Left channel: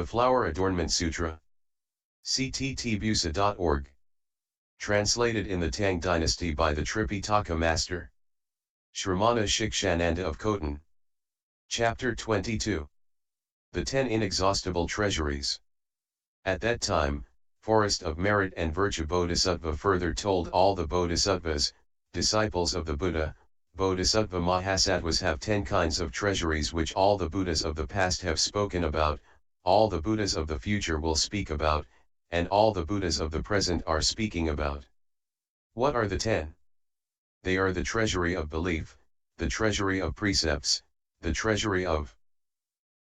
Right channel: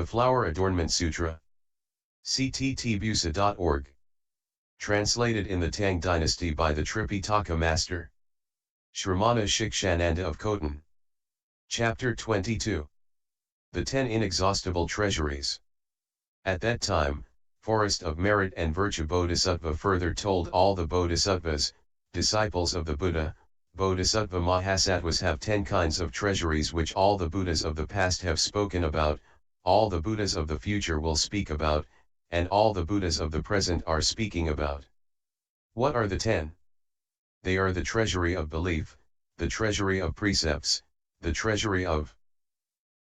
The Flower Adornment Sutra. cttbusa.org. Translated in the Tang Dynasty by the Tripitaka Master Shramana Shikshananda of Khotan. Chapter 22. The 10 Inexhaustible Treasuries. At that time, Forest of Merit and Virtue Bodhisattva further told all the Bodhisattvas, disciples of the Buddha, Bodhisattva Mahasattvas have 10 kinds of treasuries which all the Buddhas of the past have spoken about, all the Buddhas of the future will speak about, and all the Buddhas of the present are speaking about. What are the 10? They are the treasury of belief, the treasury of precepts, the treasury of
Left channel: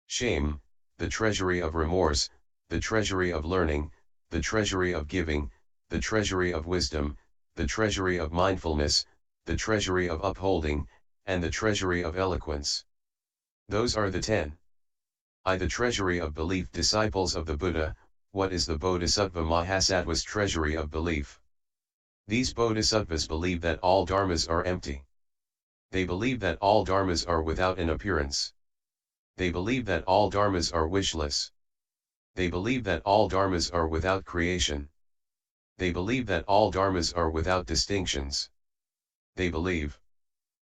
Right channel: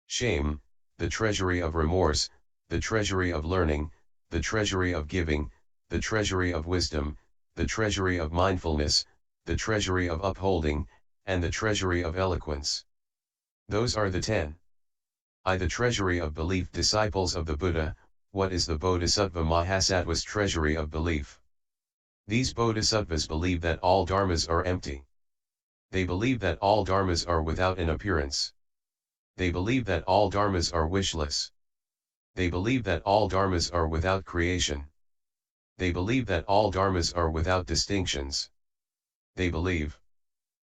shame, the treasury of remorse, the treasury of learning, the treasury of giving, the treasury of wisdom, the treasury of mindfulness, the treasury of upholding, and the treasury of eloquence. Those are the 10. The treasury of belief. Disciples of the Buddha, what is the Bodhisattva Mahasattva's treasury of belief? These Bodhisattvas believe that all dharmas are empty. They believe that all dharmas are without an appearance. They believe that all dharmas are wishless. They believe that all dharmas are without creation. They believe that all dharmas are without distinctions. They believe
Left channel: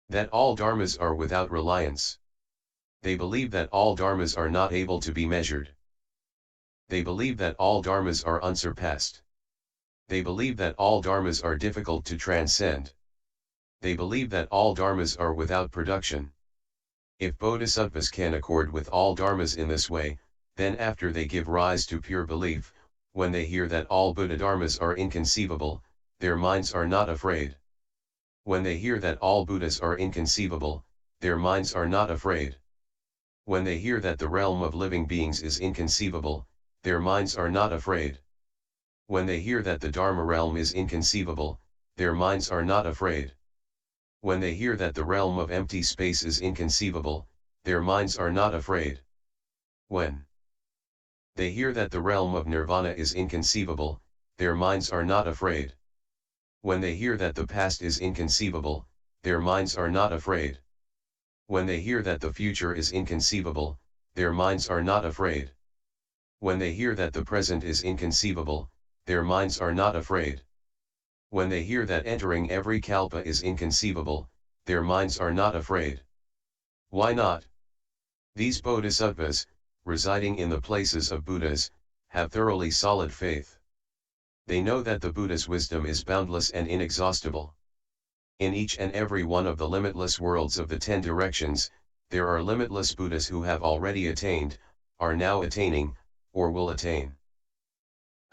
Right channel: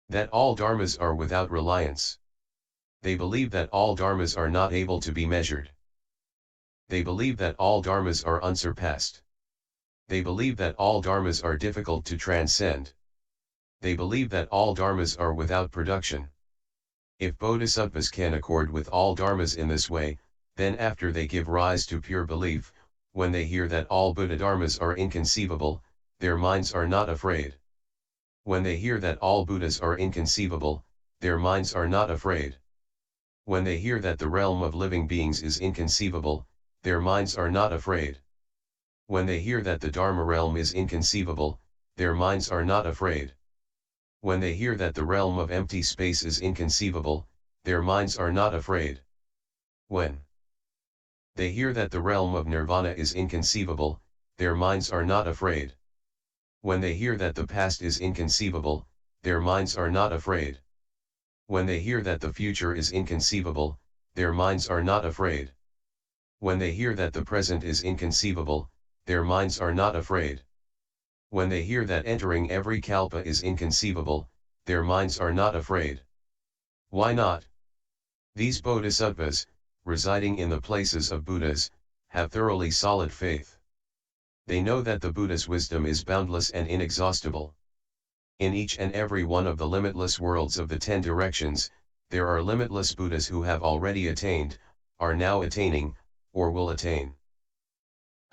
that all dharmas are without reliance. They believe that all dharmas are not able to be measured. They believe that all dharmas are unsurpassed. They believe that all dharmas are difficult to transcend. They believe that all dharmas are without production. If bodhisattvas can accord with all dharmas in this way, then after they give rise to pure belief, when they hear that all Buddha dharmas are inconceivable, their minds are not afraid. When they hear that all Buddhas are inconceivable, their minds are not afraid. When they hear that the realm of living beings is inconceivable, their minds are not afraid. When they hear that the Dharma realm is inconceivable, their minds are not afraid. When they hear that the realm of empty space is inconceivable, their minds are not afraid. When they hear that the realm of nirvana is inconceivable, their minds are not afraid. When they hear that the past is inconceivable, their minds are not afraid. When they hear that the future is inconceivable, their minds are not afraid. When they hear that the present is inconceivable, their minds are not afraid. When they hear that entering every kalpa is inconceivable, their minds are not afraid. Why not? These bodhisattvas, residing in the places of Buddhas, have thoroughly solid faith. They know that the Buddha's wisdom is boundless and inexhaustible. In each and every one of the limitless worlds of the 10 directions, there are limitless Buddhas who have already attained, are now attaining, or will attain.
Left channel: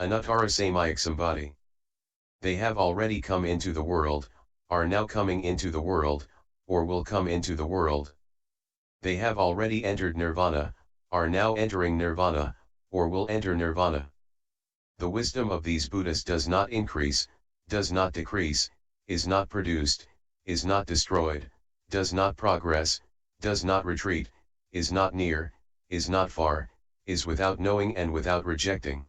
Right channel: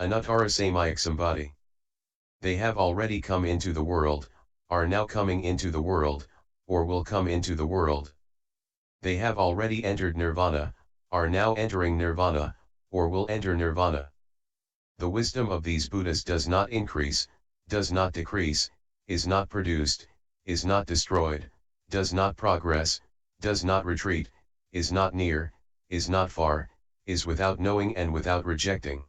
Anuttara Samyak Sambhati. They have already come into the world, are now coming into the world, or will come into the world. They have already entered nirvana, are now entering nirvana, or will enter nirvana. The wisdom of these Buddhas does not increase, does not decrease, is not produced, is not destroyed, does not progress, does not retreat, is not near, is not far, is without knowing and without rejecting.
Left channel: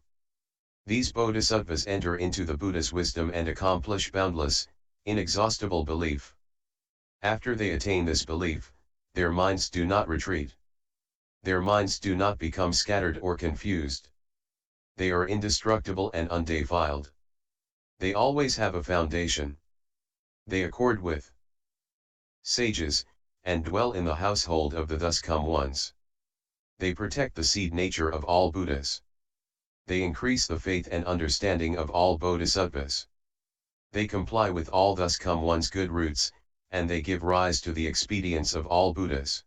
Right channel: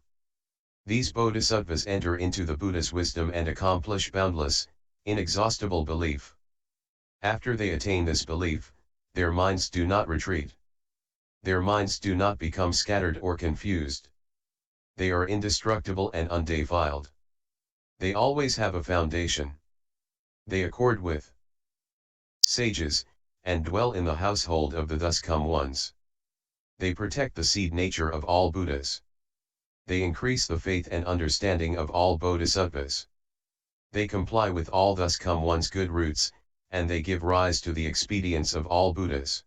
These bodhisattvas enter into the Buddha's wisdom and accomplish boundless, inexhaustible belief. After they attain this belief, their minds do not retreat. Their minds do not become scattered or confused. They are indestructible and undefiled. They always have a foundation. They accord with sages, and dwell in the household of the thus come ones. They protect the seed nature of all Buddhas. They increase the faith and understanding of all bodhisattvas. They comply with all thus come ones' good roots, and they give rise to the expedience of all Buddhas.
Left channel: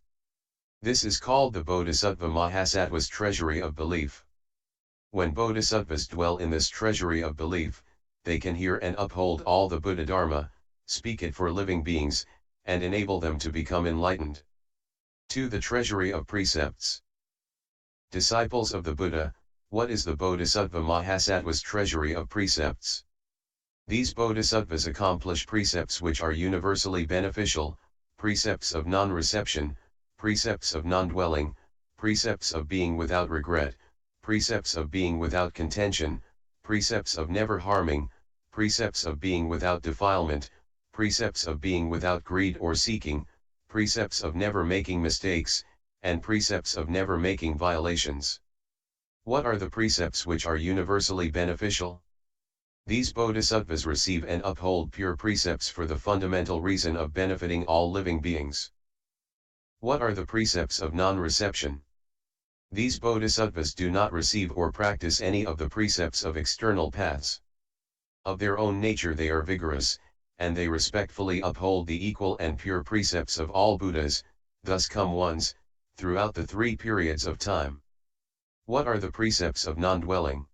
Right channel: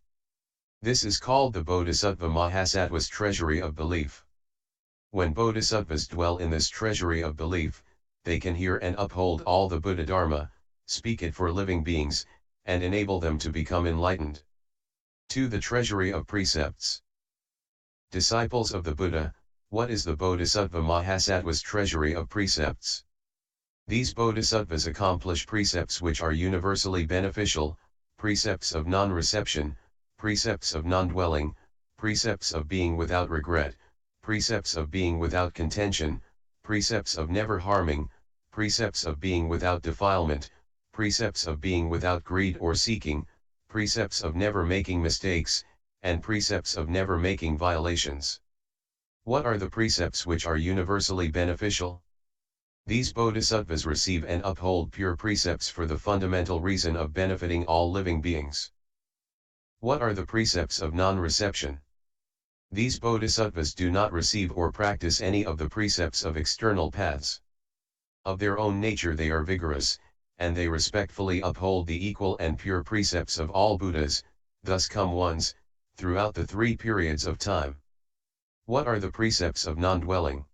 This is called the Bodhisattva Mahasattva's treasury of belief. When bodhisattvas dwell in this treasury of belief, they can hear and uphold all the Buddha Dharma, speak it for living beings, and enable them to become enlightened. 2. The treasury of precepts. Disciples of the Buddha, what is the Bodhisattva Mahasattva's treasury of precepts? These bodhisattvas accomplish precepts which are universally beneficial, precepts of non-reception, precepts of non-dwelling, precepts of being without regret, precepts of being without contention, precepts of never harming, precepts of being without defilement, precepts of being without greed or seeking, precepts of never making mistakes, and precepts of never making violations. What are the precepts which are universally beneficial? These bodhisattvas receive and uphold pure precepts for the fundamental reason of benefiting all living beings. What are the precepts of non-reception? These bodhisattvas do not receive or practice any of the precepts of external paths. Of their own nature they are vigorous, and they respectfully uphold the equal and pure precepts of all Buddhas, thus come ones, throughout the 3 periods of time. What are the precepts of non-dwelling?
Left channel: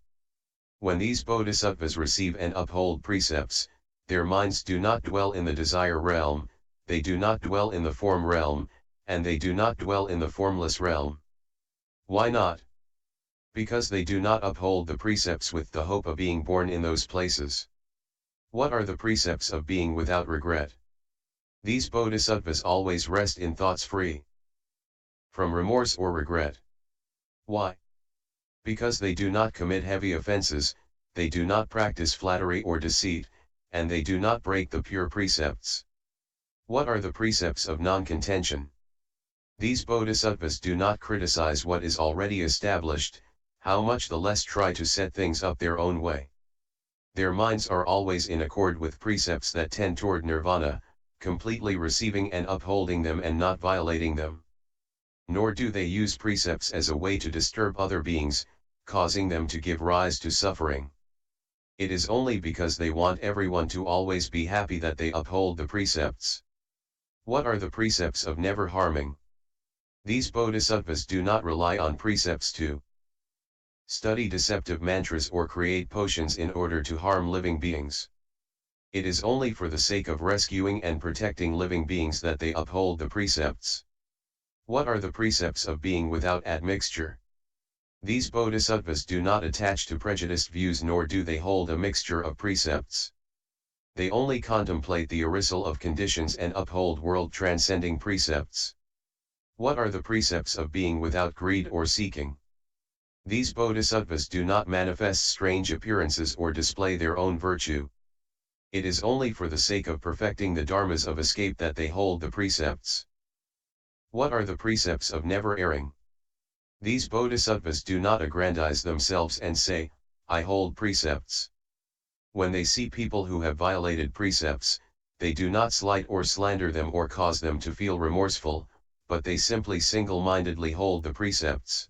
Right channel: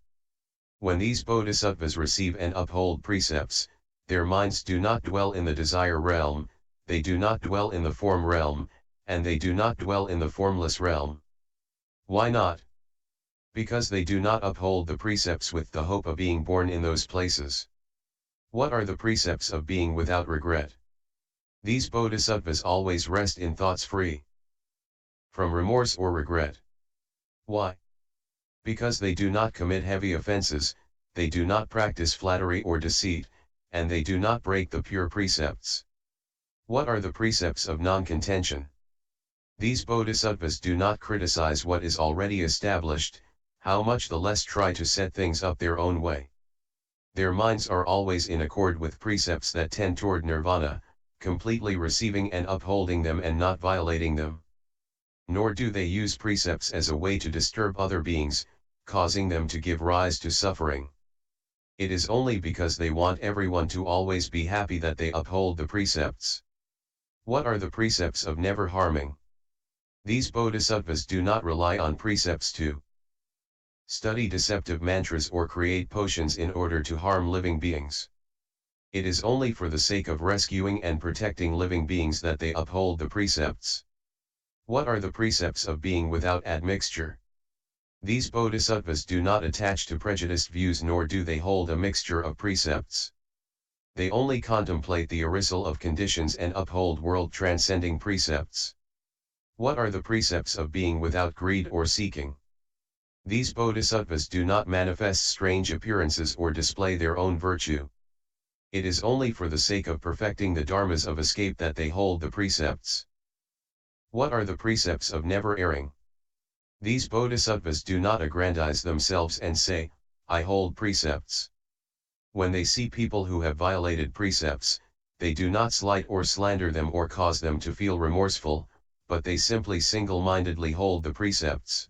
When these bodhisattvas receive and uphold precepts, their minds do not dwell in the desire realm, they do not dwell in the form realm, and they do not dwell in the formless realm. Why not? Because they do not uphold the precepts with the hope of being born in those places. What are the precepts of being without regret? These bodhisattvas always rest in thoughts free from remorse or regret. Why? Because they do not commit heavy offenses, they do not practice flattery or deceit, and they do not break the pure precepts. What are the precepts of non-contention? These bodhisattvas do not criticize what is already established, how much the less try to set things up their own way. Their minds are always in accord with precepts that tend toward nirvana, completely receiving and upholding them and not violating them. Nor do they use precepts as a way to disturb other beings, causing them to give rise to suffering. It is only because they want everyone to always be happy that they uphold the precepts. What are the precepts of never harming? These bodhisattvas do not rely on precepts to study deceptive mantras or create potions in order to harm living beings. It is only for the sake of rescuing and protecting living beings that they uphold the precepts. What are the precepts of being without admixture? These bodhisattvas do not attach to prejudiced views nor do they hold a mixture of precepts. They only contemplate the arisal of conditions and uphold world-transcending precepts. What are the precepts of being without greed or seeking? These bodhisattvas do not manifest strange appearances or display their own virtue. It is only for the sake of perfecting the dharmas of escape that they hold the precepts. What are the precepts of never erring? These bodhisattvas do not aggrandize themselves and say, I hold precepts. When they see people who have violated precepts, they do not slight or slander them or cause them to feel remorseful, but they simply single-mindedly hold the precepts.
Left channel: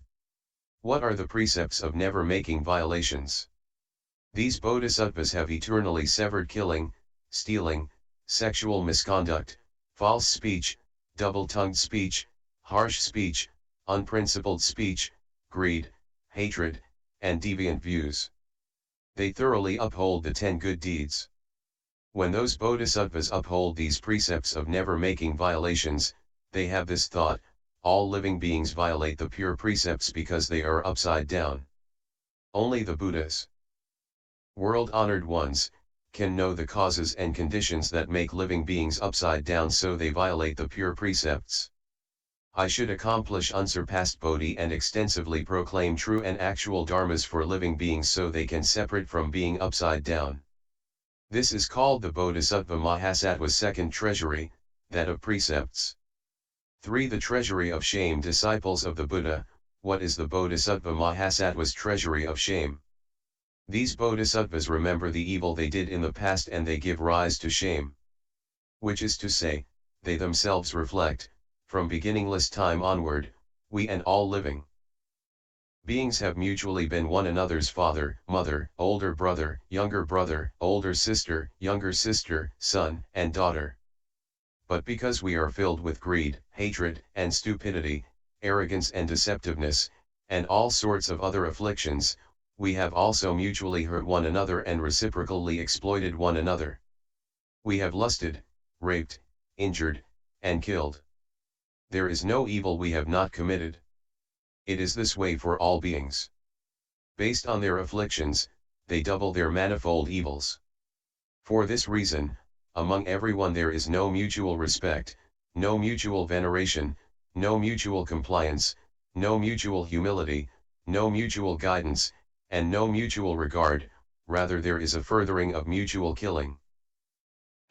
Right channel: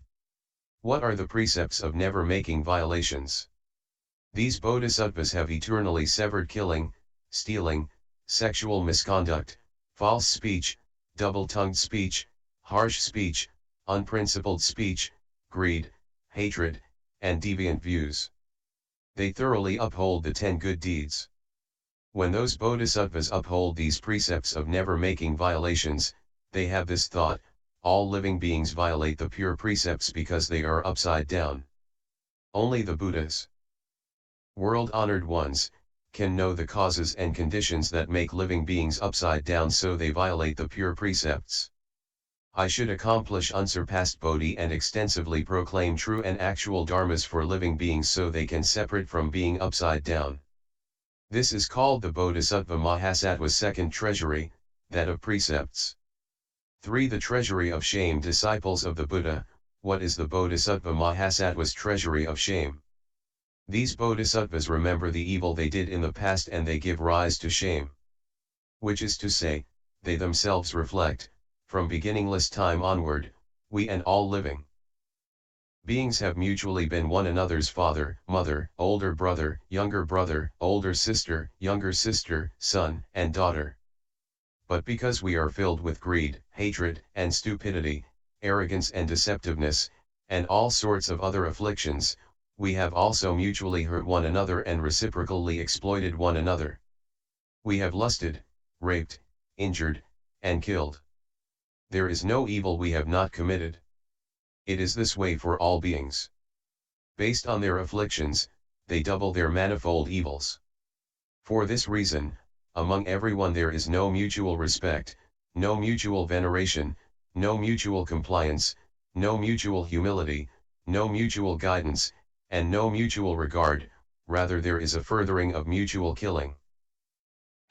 What are the precepts of never making violations? These bodhisattvas have eternally severed killing, stealing, sexual misconduct, false speech, double-tongued speech, harsh speech, unprincipled speech, greed, hatred, and deviant views. They thoroughly uphold the 10 good deeds. When those bodhisattvas uphold these precepts of never making violations, they have this thought, all living beings violate the pure precepts because they are upside down. Only the Buddhas, world-honored ones, can know the causes and conditions that make living beings upside down, so they violate the pure precepts. I should accomplish unsurpassed bodhi and extensively proclaim true and actual dharmas for living beings so they can separate from being upside down. This is called the Bodhisattva Mahasattva's second treasury, that of precepts. 3. The treasury of shame. Disciples of the Buddha, what is the Bodhisattva Mahasattva's treasury of shame? These bodhisattvas remember the evil they did in the past and they give rise to shame. Which is to say, they themselves reflect, from beginningless time onward, we and all living beings have mutually been one another's father, mother, older brother, older sister, younger sister, son, and daughter. But because we are filled with greed, hatred, and stupidity, arrogance and deceptiveness, and all sorts of other afflictions, we have also mutually hurt one another and reciprocally exploited one another. We have lusted, raped, injured, and killed. There is no evil we have not committed. It is this way for all beings. Based on their afflictions, they double their manifold evils. For this reason, among everyone there is no mutual respect, no mutual veneration, no mutual compliance, no mutual humility, no mutual guidance, and no mutual regard, rather there is a furthering of mutual killing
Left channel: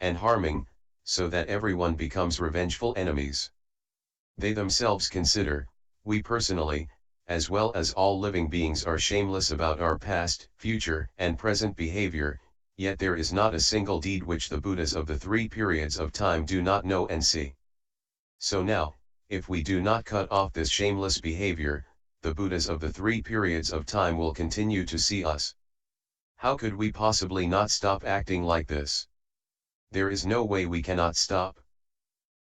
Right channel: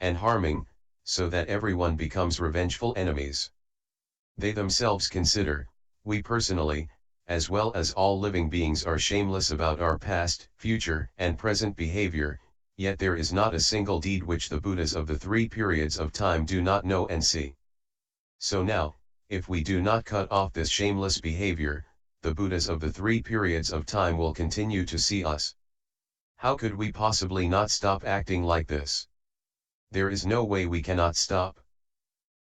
and harming, so that everyone becomes revengeful enemies. They themselves consider, we personally, as well as all living beings are shameless about our past, future, and present behavior, yet there is not a single deed which the Buddhas of the three periods of time do not know and see. So now, if we do not cut off this shameless behavior, the Buddhas of the three periods of time will continue to see us. How could we possibly not stop acting like this? There is no way we cannot stop.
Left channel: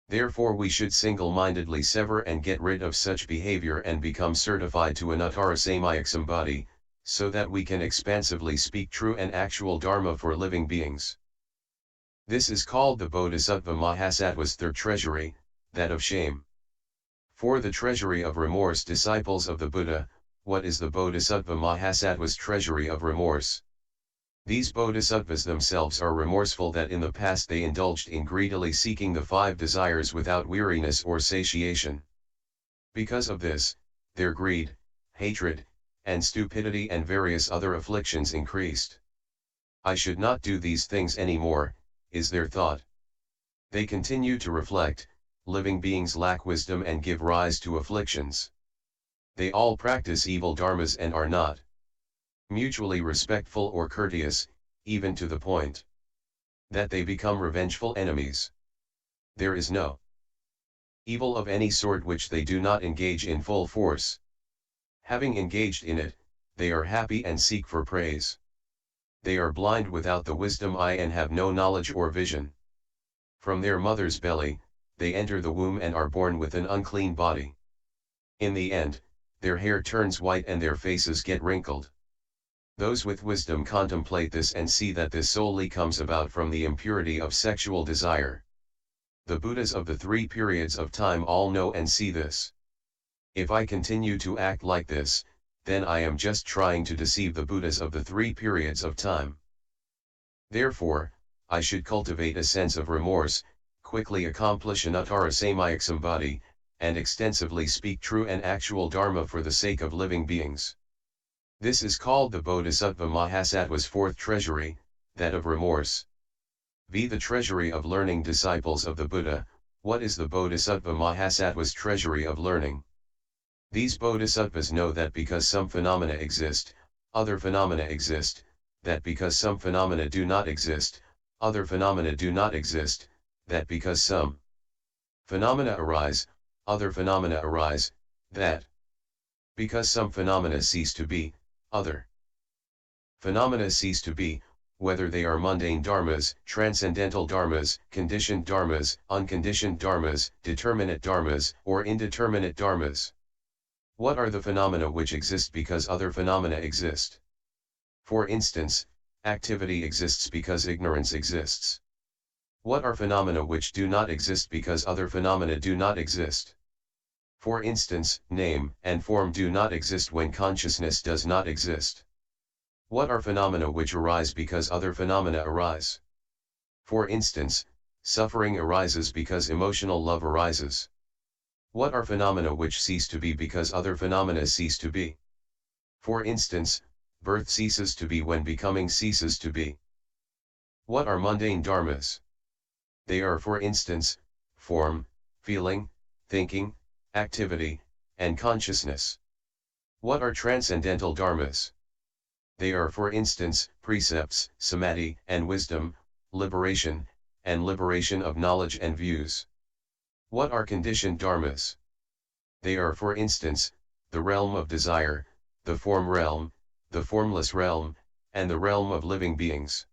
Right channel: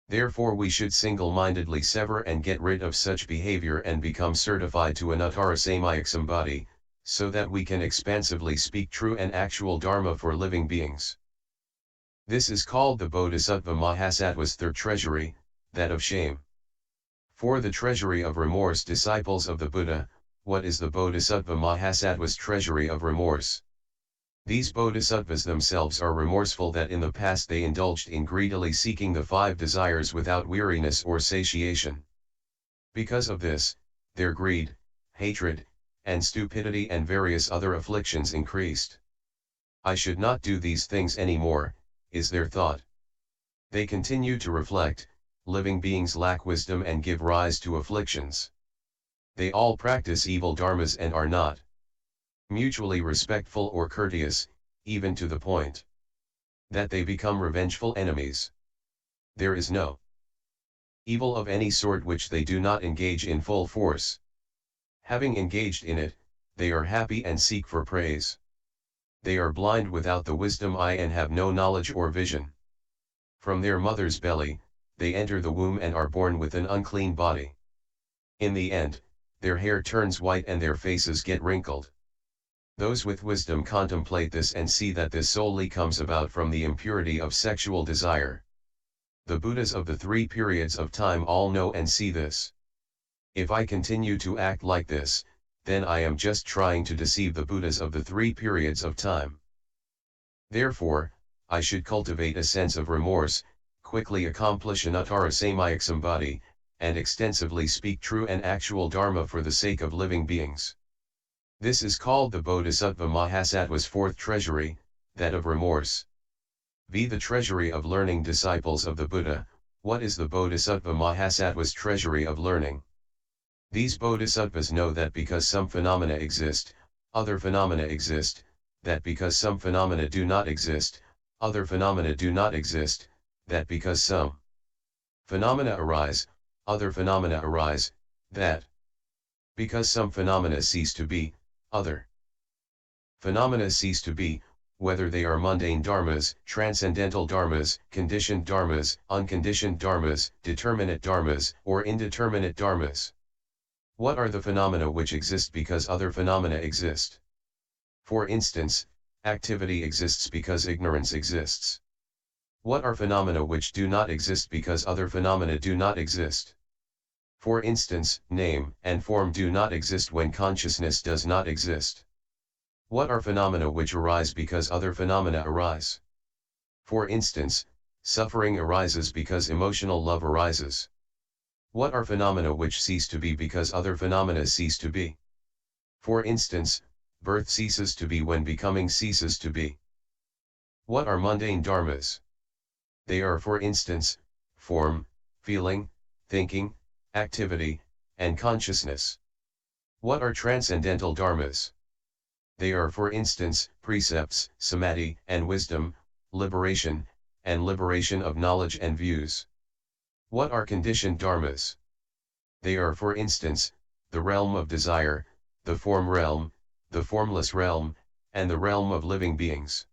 Therefore we should single-mindedly sever and get rid of such behavior and become certified to anuttara samyaksambhati, so that we can expansively speak true and actual Dharma for living beings. This is called the Bodhisattva Mahasattva's third treasury, that of shame. For the treasury of remorse, disciples of the Buddha, what is the Bodhisattva Mahasattva's treasury of remorse? These bodhisattvas themselves are remorseful that in the past they indulged in greedily seeking the five desires without weariness or satiation. Because of this, their greed, hatred, and stupidity and various other afflictions increased. I should not do these things anymore, is their thought. They continue to reflect, living beings lack wisdom and give rise to afflictions. They all practice evil dharmas and are not mutually respectful or courteous, even to the point that they become revengeful enemies. There is no evil of any sort which they do not engage in full force. Having engaged in it, they are happy and seek for praise. They are blind without the wisdom eye and have no knowledge or vision. From their mother's belly, they enter the womb and are born with an unclean body. In the end, their hair turns white and their faces get wrinkled. Those with wisdom contemplate this and see that this solely comes about from the impurity of sexual desire. The Buddhas of the three periods of time all know and see this. If I continue to act like this, then I am just trying to deceive the Buddhas of the three periods of time. Therefore, I should cultivate a sense of remorse, quickly accomplish anuttara samyaksambhati, and extensively speak true and actual Dharma for the sake of living beings. This is called the Bodhisattva Mahasattva's fourth treasury, that of remorse. V. The treasury of learning. Disciples of the Buddha, what is the Bodhisattva Mahasattva's treasury of learning? These bodhisattvas know that because some phenomena exist, other phenomena exist, that because some phenomena do not exist, other phenomena do not exist, that because some phenomena arise, other phenomena arise, that because some phenomena cease to be, other phenomena cease to be, whether they are mundane dharmas, transcendental dharmas, conditioned dharmas, unconditioned dharmas, determinate dharmas, or indeterminate dharmas. What are the phenomena which exist because other phenomena exist? For instance, activity exists because ignorance exists. What are phenomena which do not exist because other phenomena do not exist? For instance, name and form do not exist when consciousness does not exist. What are phenomena which arise because other phenomena arise? For instance, suffering arises because emotional love arises. What are phenomena which cease to be because other phenomena cease to be? For instance, birth ceases to be when becoming ceases to be. What are mundane dharmas? They are, for instance, form, feeling, thinking, activity, and consciousness. What are transcendental dharmas? They are, for instance, precepts, samadhi, and wisdom, liberation, and liberation of knowledge and views. What are conditioned dharmas? They are, for instance, the realm of desire, the form realm, the formless realm, and the realm of living beings.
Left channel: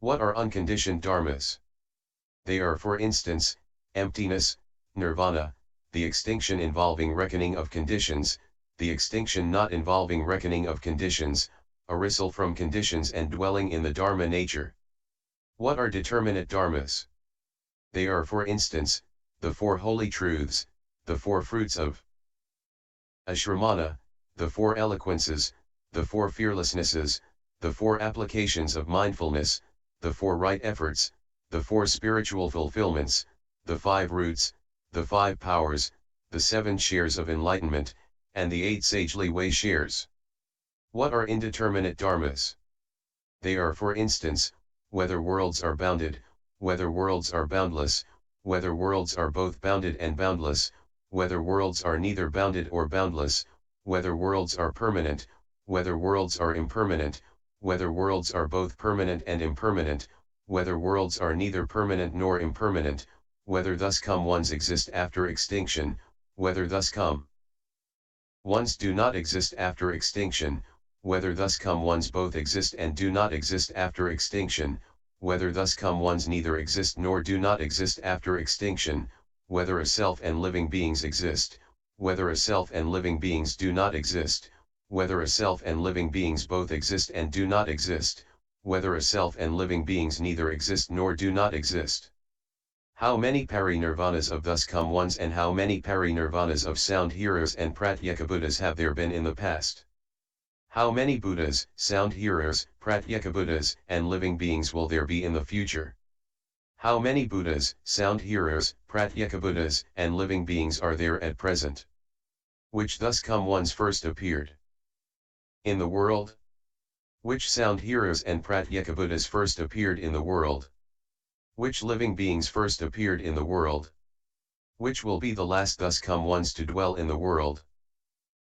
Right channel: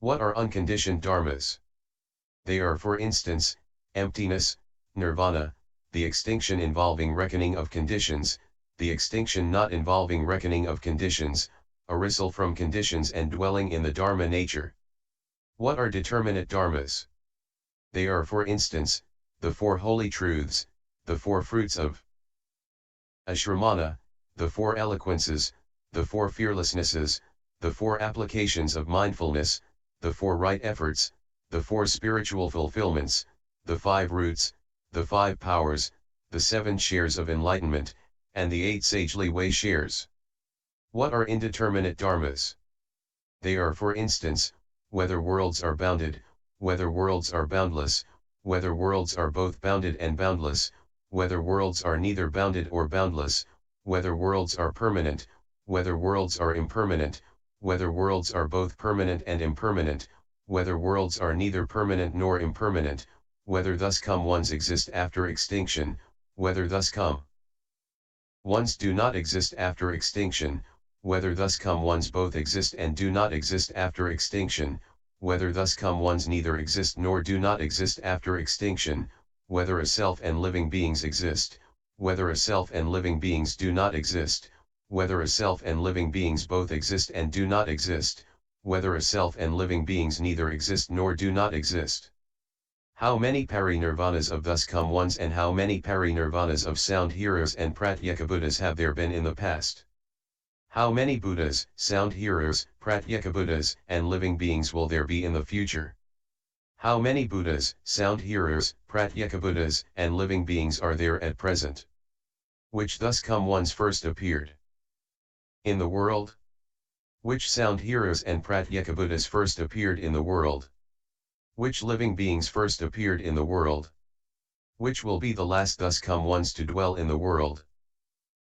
What are unconditioned dharmas? They are, for instance, emptiness, nirvana, the extinction involving reckoning of conditions, the extinction not involving reckoning of conditions, arisal from conditions and dwelling in the Dharma nature. What are determinate dharmas? They are, for instance, the four holy truths, the four fruits of ashramana, the four eloquences, the four fearlessnesses, the four applications of mindfulness, the four right efforts, the four spiritual fulfillments, the five roots, the five powers, the seven shares of enlightenment, and the eight sagely way shares. What are indeterminate dharmas? They are, for instance, whether worlds are bounded, whether worlds are boundless, whether worlds are both bounded and boundless, whether worlds are neither bounded or boundless, whether worlds are permanent, whether worlds are impermanent, whether worlds are both permanent and impermanent, whether worlds are neither permanent nor impermanent, whether thus come ones exist after extinction, whether thus come ones do not exist after extinction, whether thus come ones both exist and do not exist after extinction, whether thus come ones neither exist nor do not exist after extinction, whether a self and living beings exist, whether a self and living beings do not exist, whether a self and living beings both exist and do not exist, whether a self and living beings neither exist nor do not exist. How many parinirvanas of thus come ones and how many parinirvanas of sound hearers and pratyeka Buddhas have there been in the past? How many Buddhas, sound hearers, pratyeka Buddhas, and living beings will there be in the future? How many Buddhas, sound hearers, pratyeka Buddhas, and living beings are there at present? Which thus come ones first appeared in the world? Which sound hearers and pratyeka Buddhas first appeared in the world? Which living beings first appeared in the world? Which will be the last thus come ones to dwell in the world?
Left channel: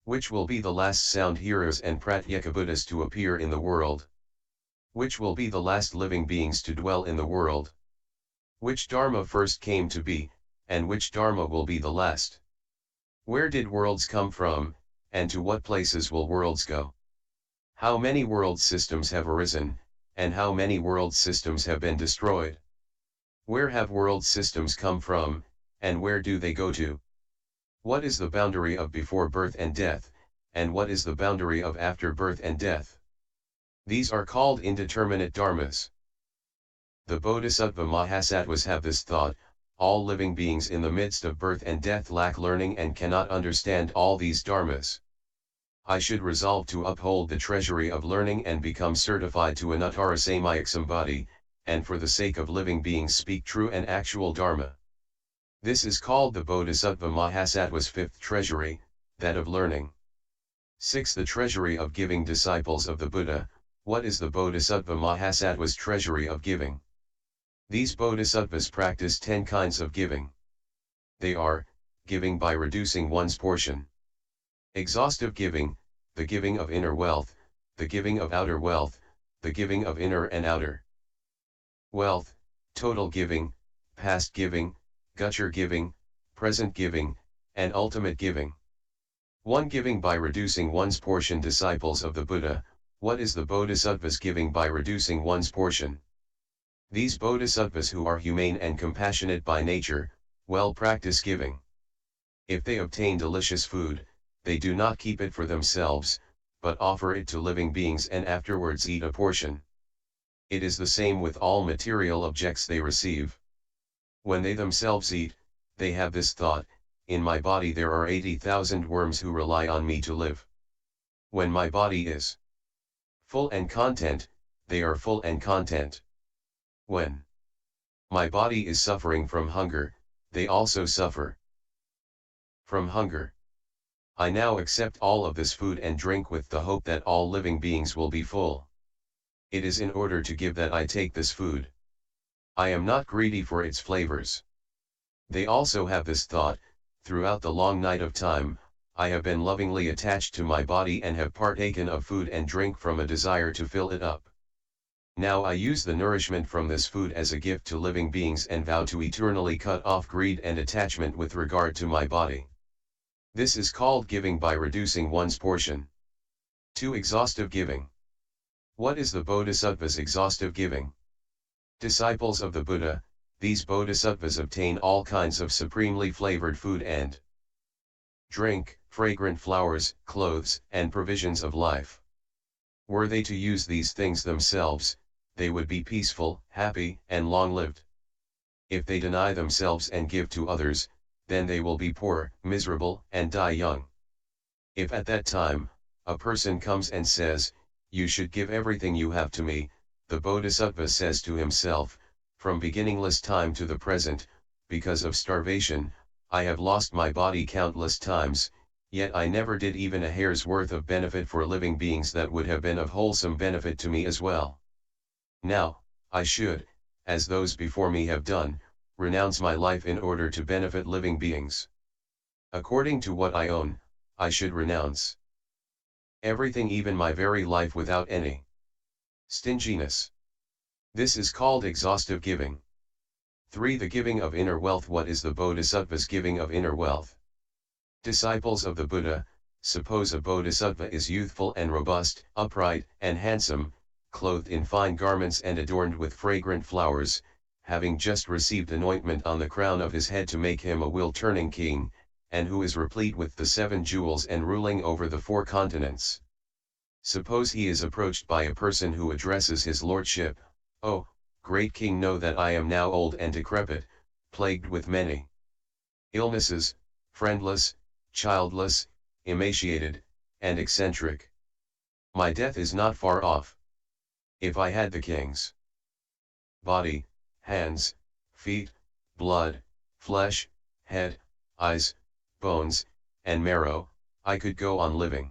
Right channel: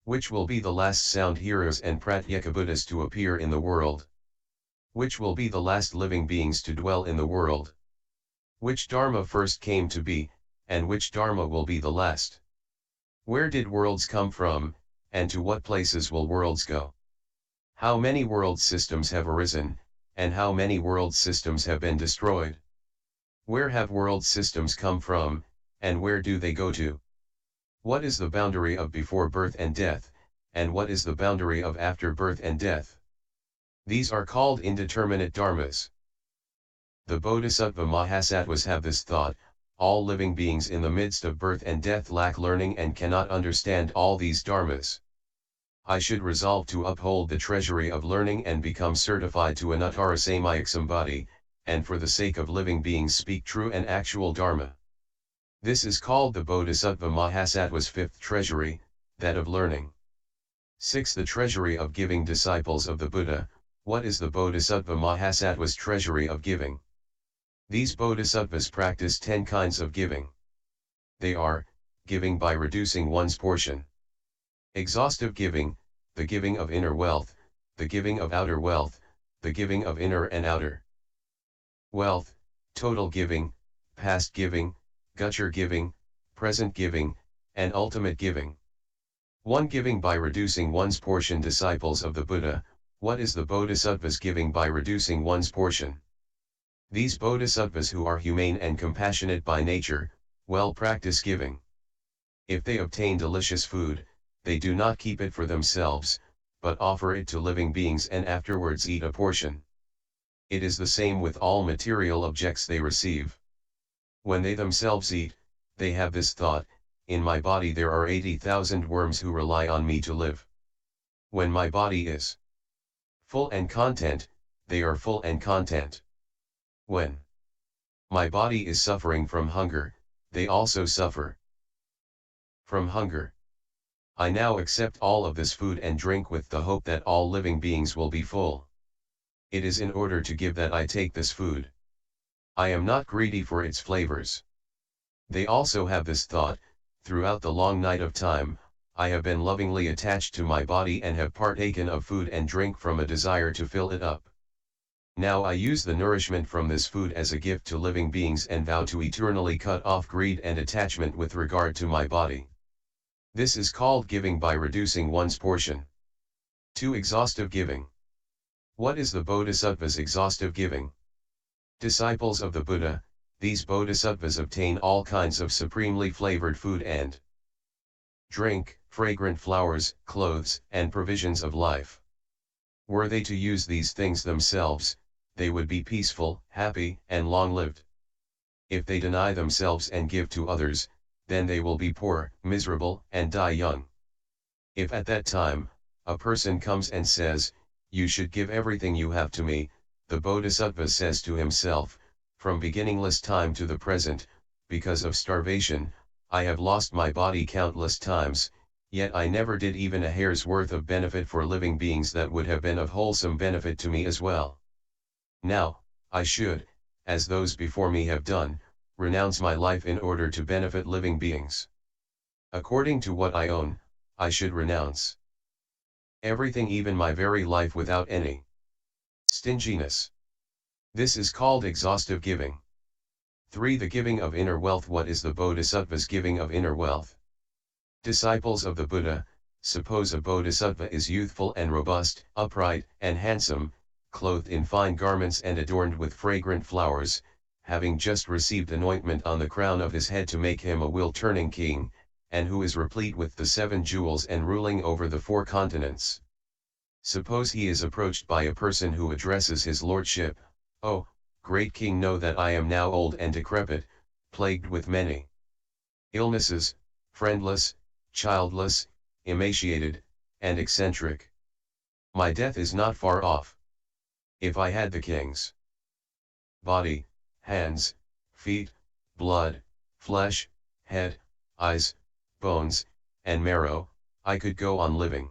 Which will be the last sound hearers and pratyeka Buddhas to appear in the world? Which will be the last living beings to dwell in the world? Which Dharma first came to be, and which Dharma will be the last? Where did worlds come from, and to what places will worlds go? How many world systems have arisen, and how many world systems have been destroyed? Where have world systems come from, and where do they go to? What is the boundary of before birth and death, and what is the boundary of after birth and death? These are called indeterminate dharmas. The Bodhisattva Mahasattvas have this thought: all living beings in the midst of birth and death lack learning and cannot understand all these dharmas. I should resolve to uphold the treasury of learning and become certified to Anuttara Samyak Sambodhi, and for the sake of living beings speak true and actual dharma. This is called the Bodhisattva Mahasattva's fifth treasury, that of learning. 6. The treasury of giving. Disciples of the Buddha, what is the Bodhisattva Mahasattva's treasury of giving? These Bodhisattvas practice 10 kinds of giving. They are: giving by reducing one's portion, exhaustive giving, the giving of inner wealth, the giving of outer wealth, the giving of inner and outer wealth, total giving, past giving, future giving, present giving, and ultimate giving. 1. Giving by reducing one's portion. Disciples of the Buddha, what is the Bodhisattva's giving by reducing one's portion? These Bodhisattvas, who are humane and compassionate by nature, well practice giving. If they obtain delicious food, they do not keep it for themselves, but offer it to living beings and afterwards eat a portion. It is the same with all material objects they receive. When they themselves eat, they have this thought: in my body there are 80,000 worms who rely on me to live. When my body is full and content, they are full and content. When my body is suffering from hunger, they also suffer from hunger. I now accept all of this food and drink with the hope that all living beings will be full. It is in order to give that I take this food. I am not greedy for its flavors. They also have this thought: throughout the long night of time, I have been lovingly attached to my body and have partaken of food and drink from a desire to fill it up. Now I use the nourishment from this food as a gift to living beings and vow to eternally cut off greed and attachment with regard to my body. This is called giving by reducing one's portion. 2. Exhaustive giving. What is the Bodhisattva's exhaustive giving? Disciples of the Buddha, these Bodhisattvas obtain all kinds of supremely flavored food and drink, fragrant flowers, clothes, and provisions of life. Were they to use these things themselves, they would be peaceful, happy, and long-lived. If they deny themselves and give to others, then they will be poor, miserable, and die young. If at that time, a person comes and says, "You should give everything you have to me," the Bodhisattva says to himself, "From beginningless time to the present, because of starvation, I have lost my body countless times, yet I never did even a hair's worth of benefit for living beings that would have been of wholesome benefit to me as well. Now, I should, as those before me have done, renounce my life in order to benefit living beings. According to what I own, I should renounce everything, even my very life, without any stinginess. This is called exhaustive giving. 3. The giving of inner wealth. What is the Bodhisattva's giving of inner wealth? Disciples of the Buddha, suppose a Bodhisattva is youthful and robust, upright and handsome, clothed in fine garments and adorned with fragrant flowers, having just received anointment on the crown of his head to make him a will-turning king, and who is replete with the 7 jewels and ruling over the 4 continents. Suppose he is approached by a person who addresses his lordship, "Oh, great king, know that I am now old and decrepit, plagued with many illnesses, friendless, childless, emaciated, and eccentric. My death is not far off. If I had the king's body, hands, feet, blood, flesh, head, eyes, bones, and marrow, I could go on living.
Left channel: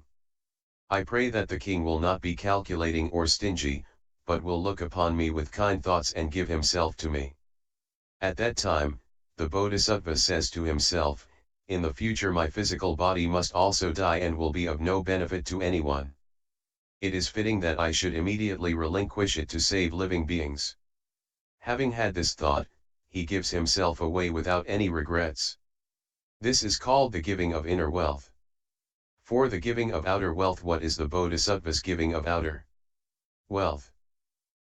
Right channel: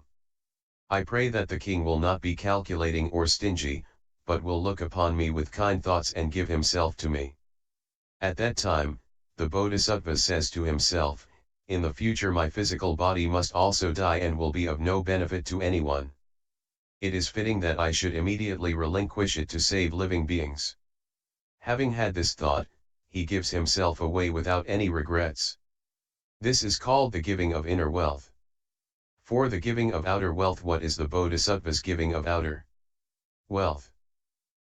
I pray that the king will not be calculating or stingy, but will look upon me with kind thoughts and give himself to me." At that time, the Bodhisattva says to himself, "In the future my physical body must also die and will be of no benefit to anyone. It is fitting that I should immediately relinquish it to save living beings." Having had this thought, he gives himself away without any regrets. This is called the giving of inner wealth. 4. The giving of outer wealth. What is the Bodhisattva's giving of outer wealth?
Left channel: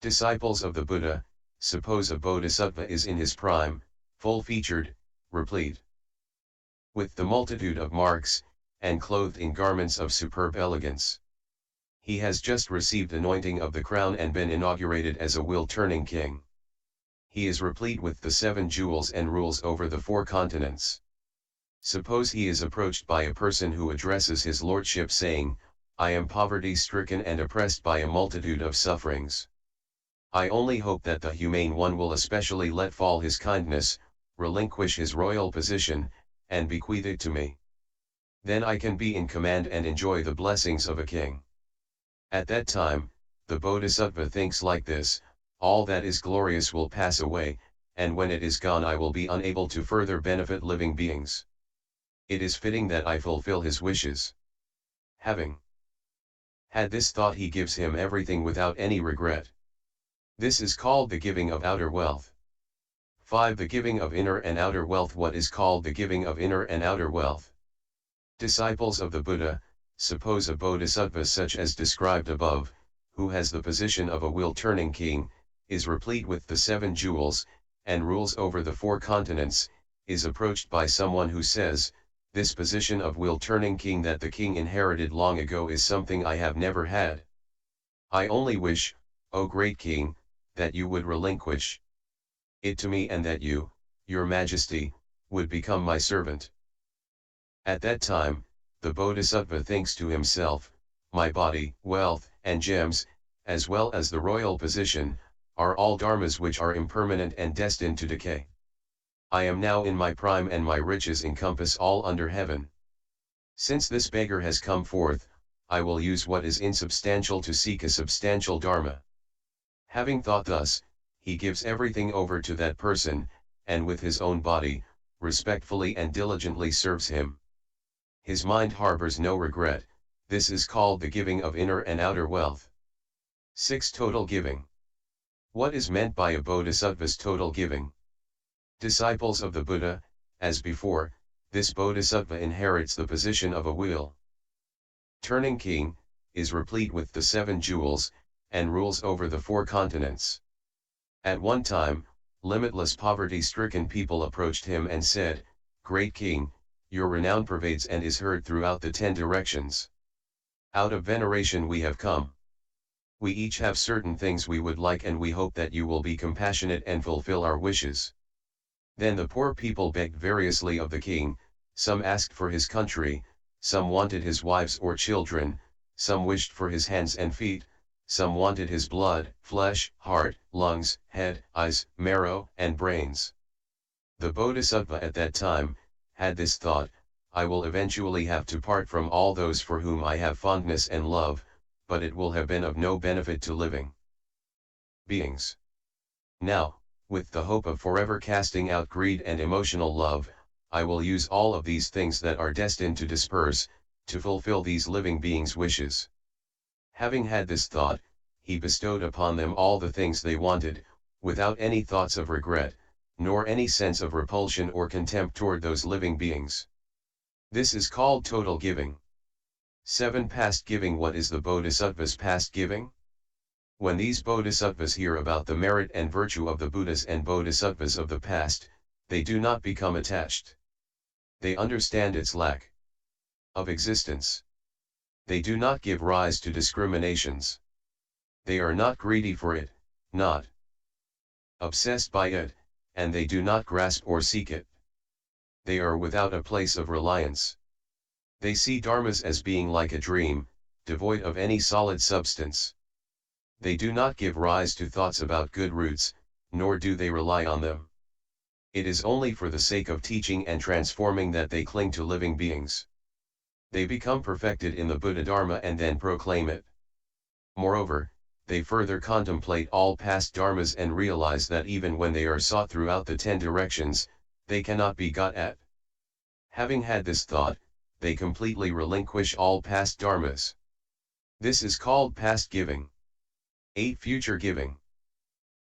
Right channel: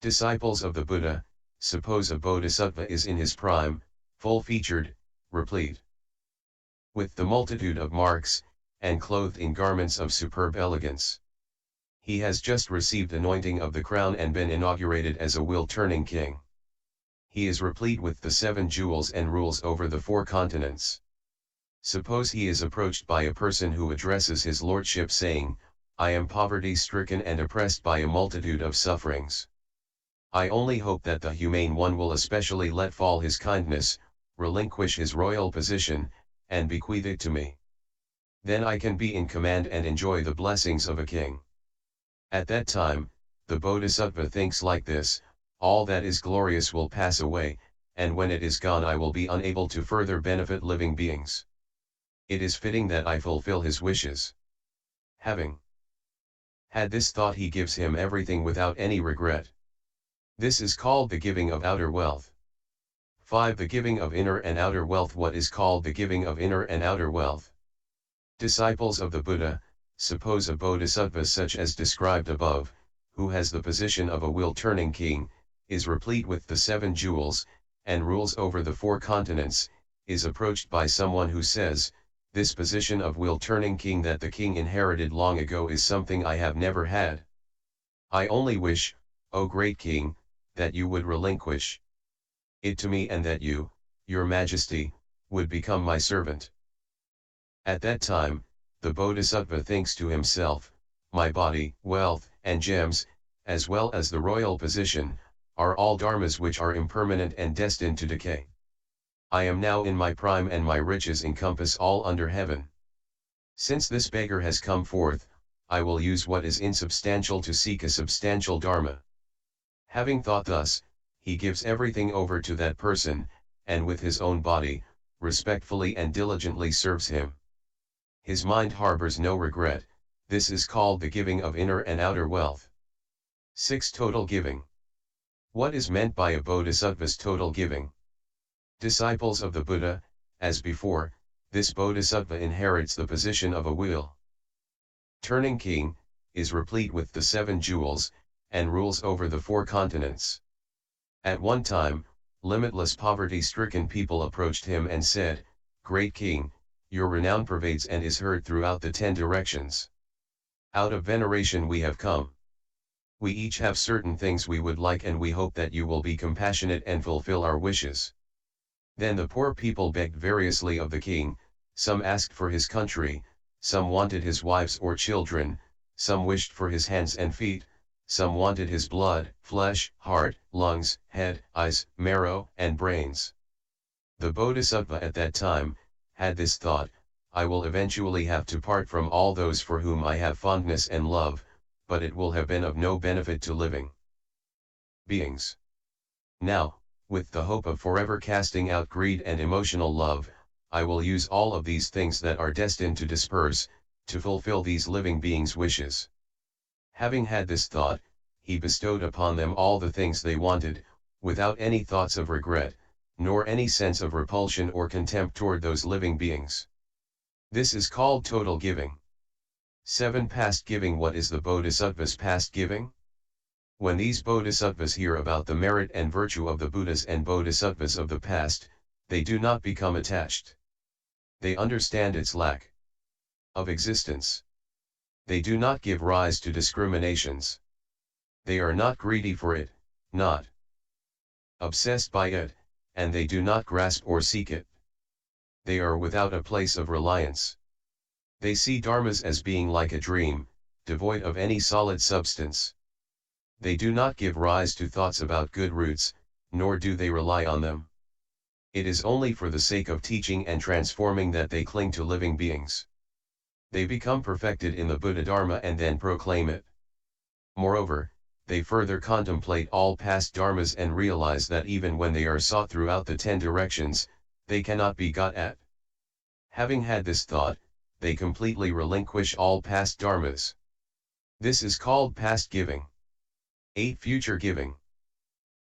Disciples of the Buddha, suppose a Bodhisattva is in his prime, full-featured, replete with the multitude of marks, and clothed in garments of superb elegance. He has just received anointing of the crown and been inaugurated as a will-turning king. He is replete with the 7 jewels and rules over the 4 continents. Suppose he is approached by a person who addresses his lordship saying, "I am poverty-stricken and oppressed by a multitude of sufferings. I only hope that the Humane One will especially let fall his kindness, relinquish his royal position, and bequeath it to me. Then I can be in command and enjoy the blessings of a king." At that time, the Bodhisattva thinks like this: all that is glorious will pass away, and when it is gone I will be unable to further benefit living beings. It is fitting that I fulfill his wishes. Having had this thought, he gives him everything without any regret. This is called the giving of outer wealth. 5. The giving of inner and outer wealth. What is called the giving of inner and outer wealth? Disciples of the Buddha, suppose a Bodhisattva such as described above, who has the position of a will-turning king, is replete with the 7 jewels, and rules over the 4 continents, is approached by someone who says, "This position of will-turning king that the king inherited long ago is something I have never had. I only wish, O great king, that you would relinquish it to me and that you, your majesty, would become my servant." At that time, the Bodhisattva thinks to himself, "My body, wealth, and gems, as well as the royal position, are all dharmas which are impermanent and destined to decay. I am now in my prime and my riches encompass all under heaven. Since this beggar has come forth, I will use what is insubstantial to seek a substantial dharma." Having thought thus, he gives everything over to that person, and with his own body, respectfully and diligently serves him. His mind harbors no regret. This is called the giving of inner and outer wealth. 6. Total giving. What is meant by a Bodhisattva's total giving? Disciples of the Buddha, as before, this Bodhisattva inherits the position of a will-turning king, is replete with the 7 jewels, and rules over the 4 continents. At one time, limitless poverty-stricken people approached him and said, "Great king, your renown pervades and is heard throughout the 10 directions. Out of veneration we have come. We each have certain things we would like, and we hope that you will be compassionate and fulfill our wishes." Then the poor people begged variously of the king. Some asked for his country, some wanted his wives or children, some wished for his hands and feet, some wanted his blood, flesh, heart, lungs, head, eyes, marrow, and brains. The Bodhisattva at that time had this thought: "I will eventually have to part from all those for whom I have fondness and love, but it will have been of no benefit to living beings. Now, with the hope of forever casting out greed and emotional love, I will use all of these things that are destined to disperse, to fulfill these living beings' wishes. Having had this thought, he bestowed upon them all the things they wanted, without any thoughts of regret, nor any sense of repulsion or contempt toward those living beings. This is called total giving. 7. Past giving. What is the Bodhisattva's past giving? When these bodhisattvas hear about the merit and virtue of the Buddhas and bodhisattvas of the past, they do not become attached. They understand its lack of existence. They do not give rise to discriminations. They are not greedy for it, not obsessed by it, and they do not grasp or seek it. They are without a place of reliance. They see dharmas as being like a dream, devoid of any solid substance. They do not give rise to thoughts about good roots, nor do they rely on them. It is only for the sake of teaching and transforming that they cling to living beings. They become perfected in the Buddha Dharma and then proclaim it. Moreover, they further contemplate all past dharmas and realize that even when they are sought throughout the 10 directions, they cannot be got at. Having had this thought, they completely relinquish all past dharmas. This is called past giving. 8. Future giving.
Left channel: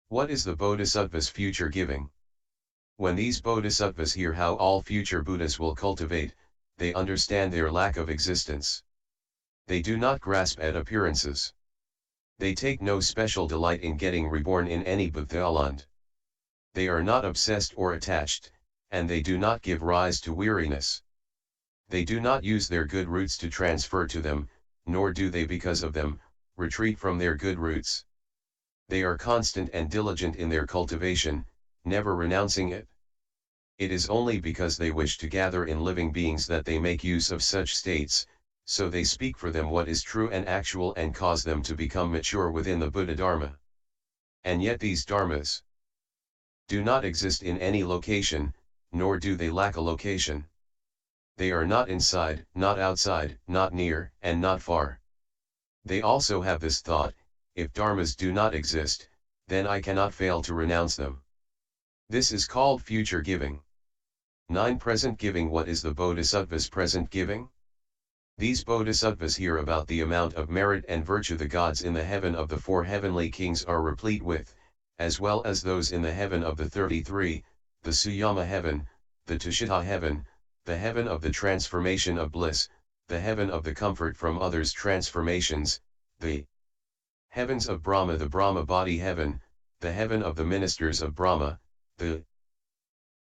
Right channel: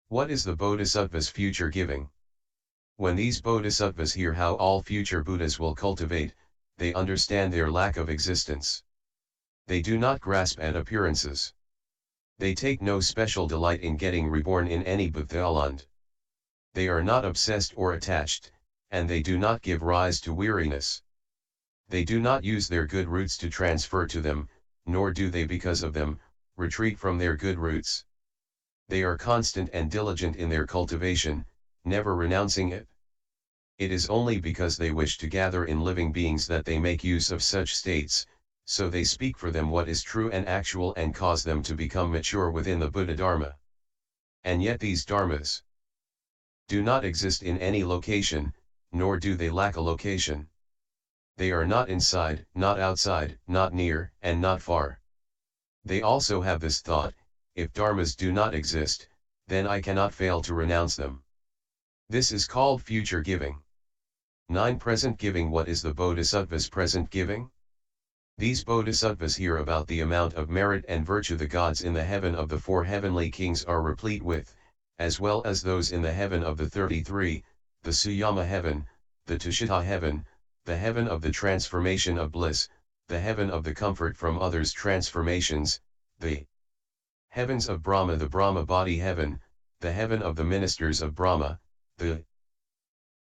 What is the Bodhisattva's future giving? When these bodhisattvas hear how all future Buddhas will cultivate, they understand their lack of existence. They do not grasp at appearances. They take no special delight in getting reborn in any Buddhaland. They are not obsessed or attached, and they do not give rise to weariness. They do not use their good roots to transfer to them, nor do they because of them, retreat from their good roots. They are constant and diligent in their cultivation, never renouncing it. It is only because they wish to gather in living beings that they make use of such states, so they speak for them what is true and actual and cause them to become mature within the Buddha Dharma. And yet these dharmas do not exist in any location, nor do they lack a location. They are not inside, not outside, not near, and not far. They also have this thought: if dharmas do not exist, then I cannot fail to renounce them. This is called future giving. 9. Present giving. What is the Bodhisattva's present giving? These bodhisattvas hear about the amount of merit and virtue the gods in the heaven of the 4 heavenly kings are replete with, as well as those in the heaven of the 33, the Suyama heaven, the Tushita heaven, the heaven of the transformation of bliss, the heaven of the comfort from others' transformations, the heavens of Brahma, the Brahma body heaven, the heaven of the ministers of Brahma, the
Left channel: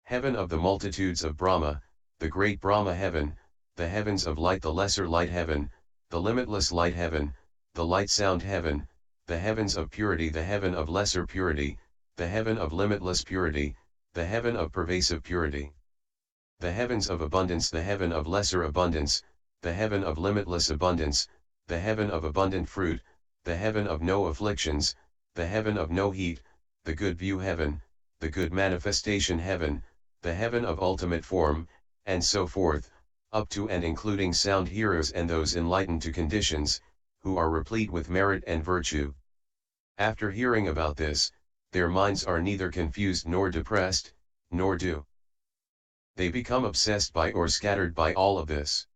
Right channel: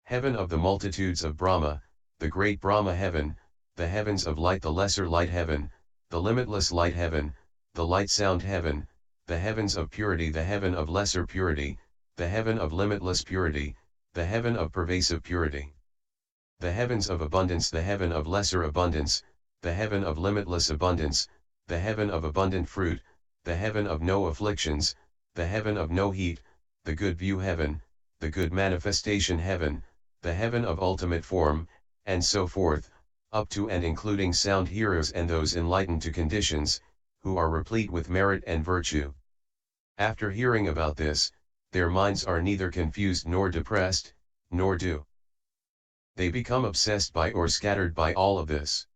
heaven of the multitudes of Brahma, the great Brahma heaven, the heavens of light, the lesser light heaven, the limitless light heaven, the light sound heaven, the heavens of purity, the heaven of lesser purity, the heaven of limitless purity, the heaven of pervasive purity, the heavens of abundance, the heaven of lesser abundance, the heaven of limitless abundance, the heaven of abundant fruit, the heaven of no afflictions, the heaven of no heat, the good view heaven, the good manifestation heaven, the heaven of ultimate form, and so forth, up to and including sound hearers and those enlightened to conditions, who are replete with merit and virtue. After hearing about this, their minds are neither confused nor depressed, nor do they become obsessed by or scattered by all of this.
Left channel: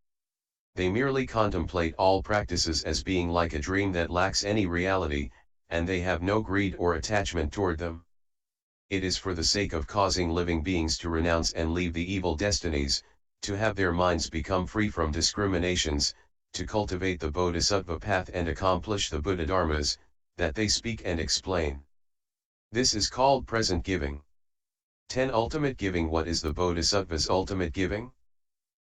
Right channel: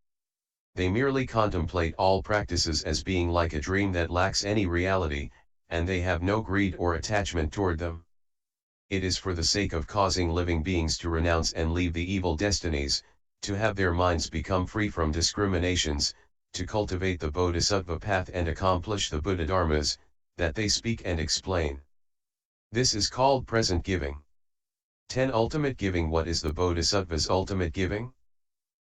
They merely contemplate all practices as being like a dream that lacks any reality, and they have no greed or attachment toward them. It is for the sake of causing living beings to renounce and leave the evil destinies, to have their minds become free from discriminations, to cultivate the Bodhisattva path and accomplish the Buddha Dharmas, that they speak and explain. This is called present giving. 10. Ultimate giving. What is the Bodhisattva's ultimate giving?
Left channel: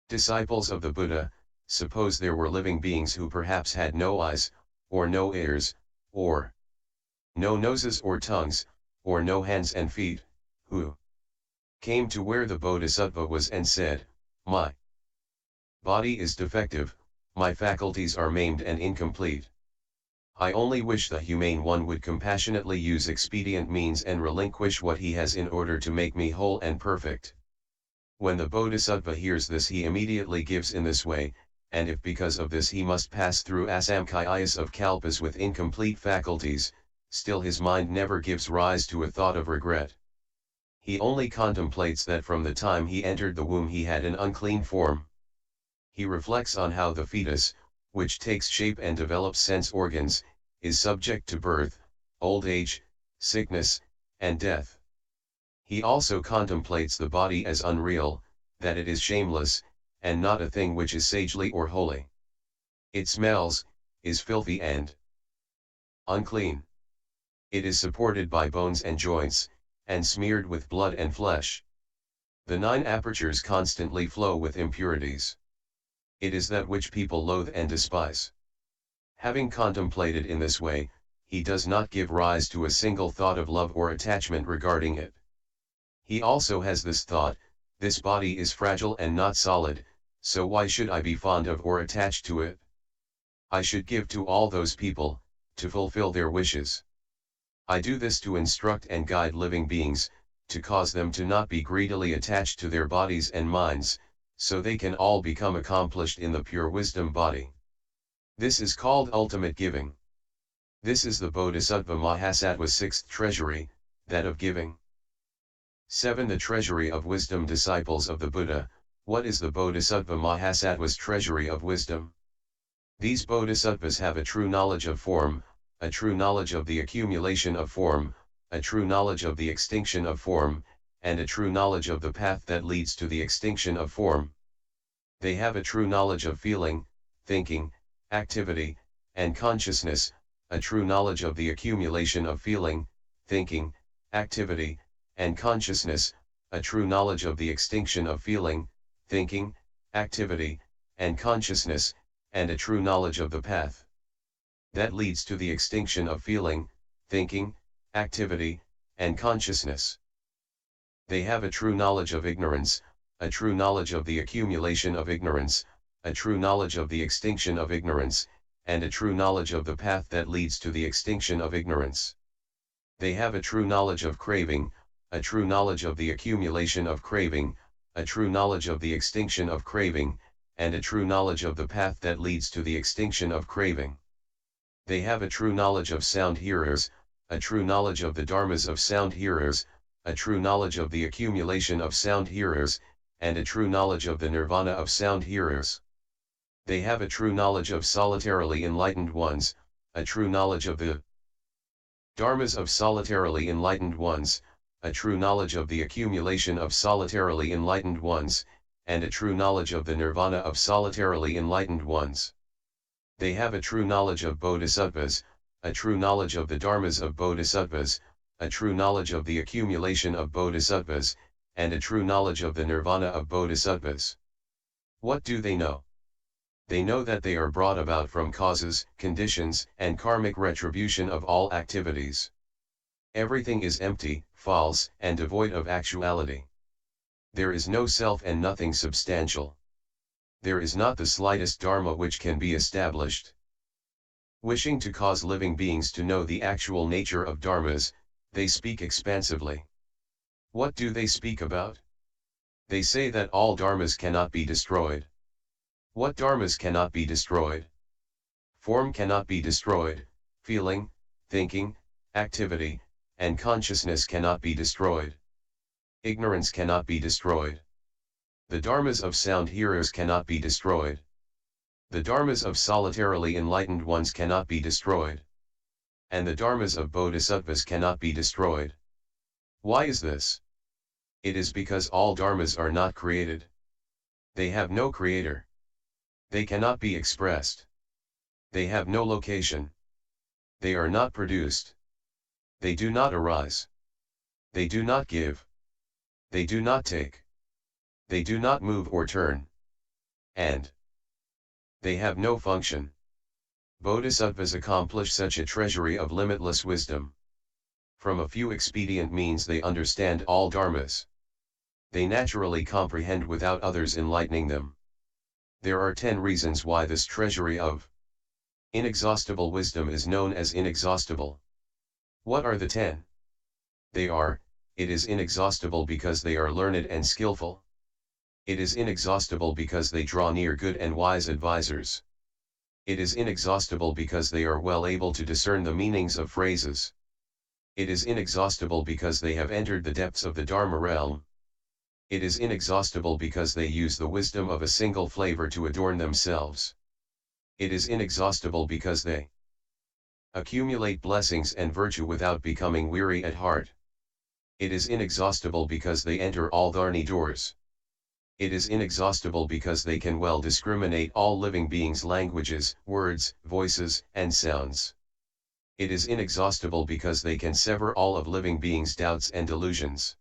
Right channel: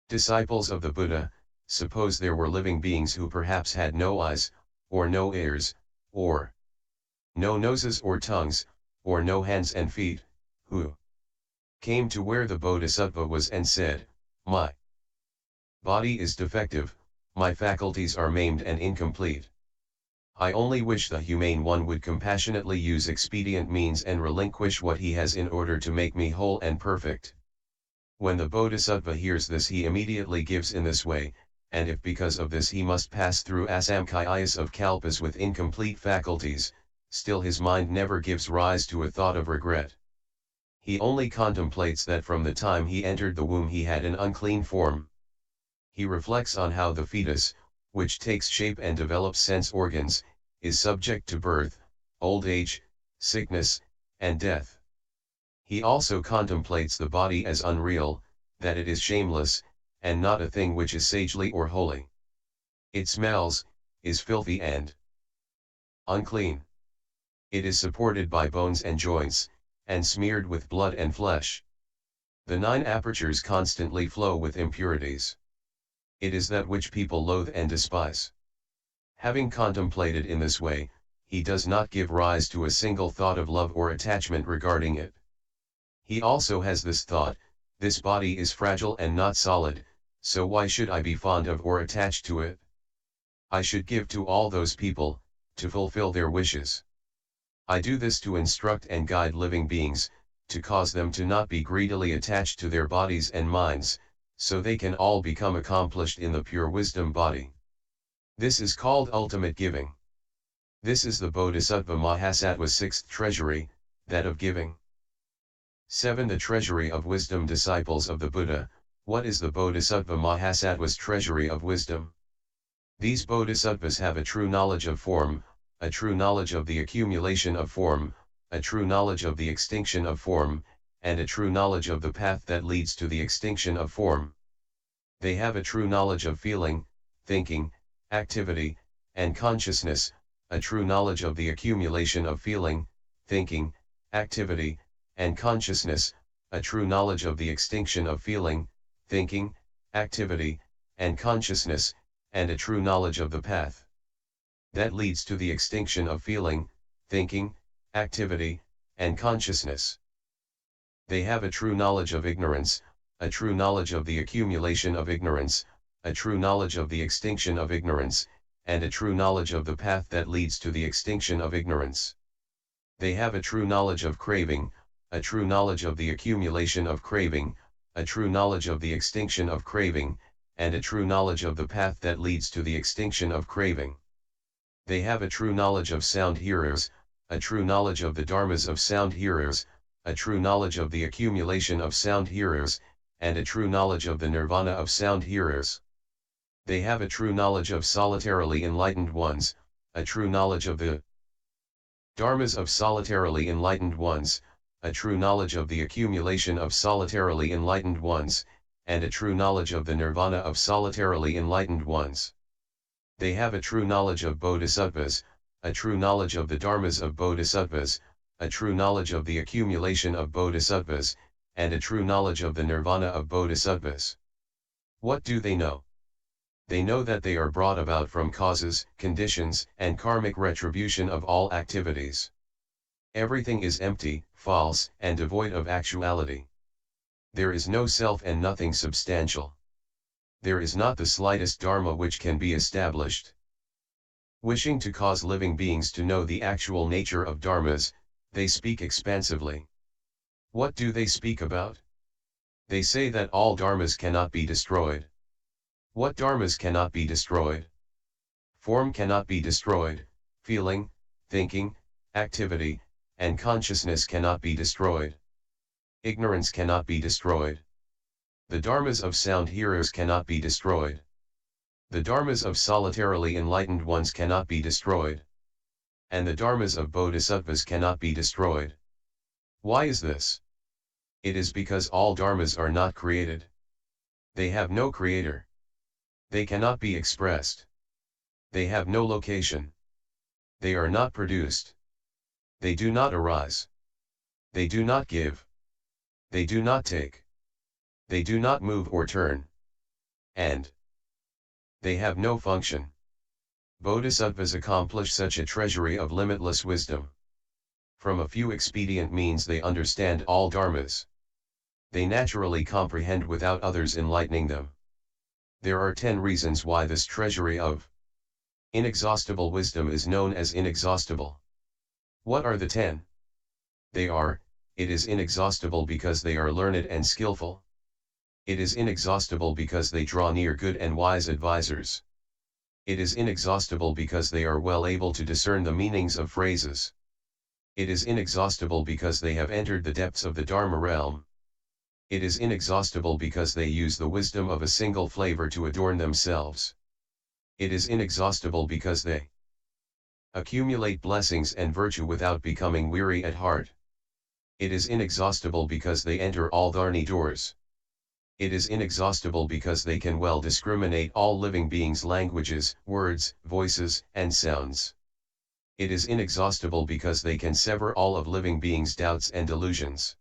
Disciples of the Buddha, suppose there were living beings who perhaps had no eyes, or no ears, or no noses or tongues, or no hands and feet, who came to where the Bodhisattva was and said, "My body is defective, my faculties are maimed and incomplete. I only wish the humane one would compassionately use expedient means and relinquish what he has in order to make me whole and perfect." When the Bodhisattva hears this, he immediately gives in this way, and if because of this he must pass through asamkhayas of kalpas with incomplete faculties, still his mind never gives rise to a thought of regret. He only contemplates that from the time he entered the womb he had an unclean form. He reflects on how the fetus, which takes shape and develops sense organs, is subject to birth, old age, sickness, and death. He also contemplates the body as unreal, that it is shameless, and not a thing which is sagely or holy. It smells, is filthy and unclean. It is supported by bones and joints, and smeared with blood and flesh. The 9 apertures constantly flow with impurities. It is that which people loathe and despise. Having contemplated in this way, he does not give rise to a single thought of love or attachment regarding it. He also has this thought: this body is fragile and not solid, so why should I be fond of or attached to it? I should give to all those people, to fulfill their wishes. I do this to instruct and guide living beings, to cause them to not be greedily attached to their bodies and minds, so they can all become accomplished in the pure wisdom body. This is called ultimate giving. This is the Bodhisattva Mahasattva's 6th treasury, that of giving. 7. The treasury of wisdom. Disciples of the Buddha. What is the Bodhisattva Mahasattva's treasury of wisdom? These bodhisattvas have a true knowledge of form, a true knowledge of the accumulation of form, a true knowledge of the extinction of form, and a true knowledge of the path that leads to the extinction of form. They have a true knowledge of feeling, thinking, activity, and consciousness, a true knowledge of the accumulation of feeling, thinking, activity, and consciousness, a true knowledge of the extinction of feeling, thinking, activity, and consciousness, and a true knowledge of the path that leads to the extinction of feeling, thinking, activity, and consciousness. They have a true knowledge of ignorance, a true knowledge of the accumulation of ignorance, a true knowledge of the extinction of ignorance, and a true knowledge of the path that leads to the extinction of ignorance. They have a true knowledge of craving, a true knowledge of the accumulation of craving, a true knowledge of the extinction of craving, and a true knowledge of the path that leads to the extinction of craving. They have a true knowledge of sound hearers, a true knowledge of the dharmas of sound hearers, a true knowledge of the accumulation of sound hearers, and a true knowledge of the nirvana of sound hearers. They have a true knowledge of solitarily enlightened ones, a true knowledge of the dharmas of solitarily enlightened ones, a true knowledge of the accumulation of solitarily enlightened ones, and a true knowledge of the nirvana of solitarily enlightened ones. They have a true knowledge of bodhisattvas, a true knowledge of the dharmas of bodhisattvas, a true knowledge of the accumulation of bodhisattvas, and a true knowledge of the nirvana of bodhisattvas. What do they know? They know that they are brought about from causes, conditions, and karmic retribution of all activities. Everything is empty, false, and devoid of actuality. There is no self and nothing substantial. There is not the slightest dharma which can be established. Wishing to cause living beings to know the actual nature of dharmas, they speak expansively. What do they speak about? They say that all dharmas cannot be destroyed. What dharmas cannot be destroyed? Form cannot be destroyed, feeling, thinking, activity, and consciousness cannot be destroyed. Ignorance cannot be destroyed. The dharmas of sound hearers cannot be destroyed. The dharmas of solitarily enlightened ones cannot be destroyed. And the dharmas of bodhisattvas cannot be destroyed. Why is this? It is because all dharmas are not created. They have no creator. They cannot be expressed. They have no location. They are not produced. They do not arise. They do not give. They do not take. They do not move or turn. And they have no function. Bodhisattvas accomplish such a treasury of limitless wisdom. From a few expedient means they understand all dharmas. They naturally comprehend without others enlightening them. There are 10 reasons why this treasury of inexhaustible wisdom is known as inexhaustible. What are the 10? They are: it is inexhaustible because they are learned and skillful. It is inexhaustible because they draw near good and wise advisors. It is inexhaustible because they are well able to discern the meanings of phrases. It is inexhaustible because they have entered the depths of the Dharma realm. It is inexhaustible because they use the wisdom of a single flavor to adorn themselves. It is inexhaustible because they accumulate blessings and virtue without becoming weary at heart. It is inexhaustible because they enter all Dharni doors. It is inexhaustible because they can well discriminate all living beings' languages, words, voices, and sounds. It is inexhaustible because they can sever all of living beings' doubts and delusions.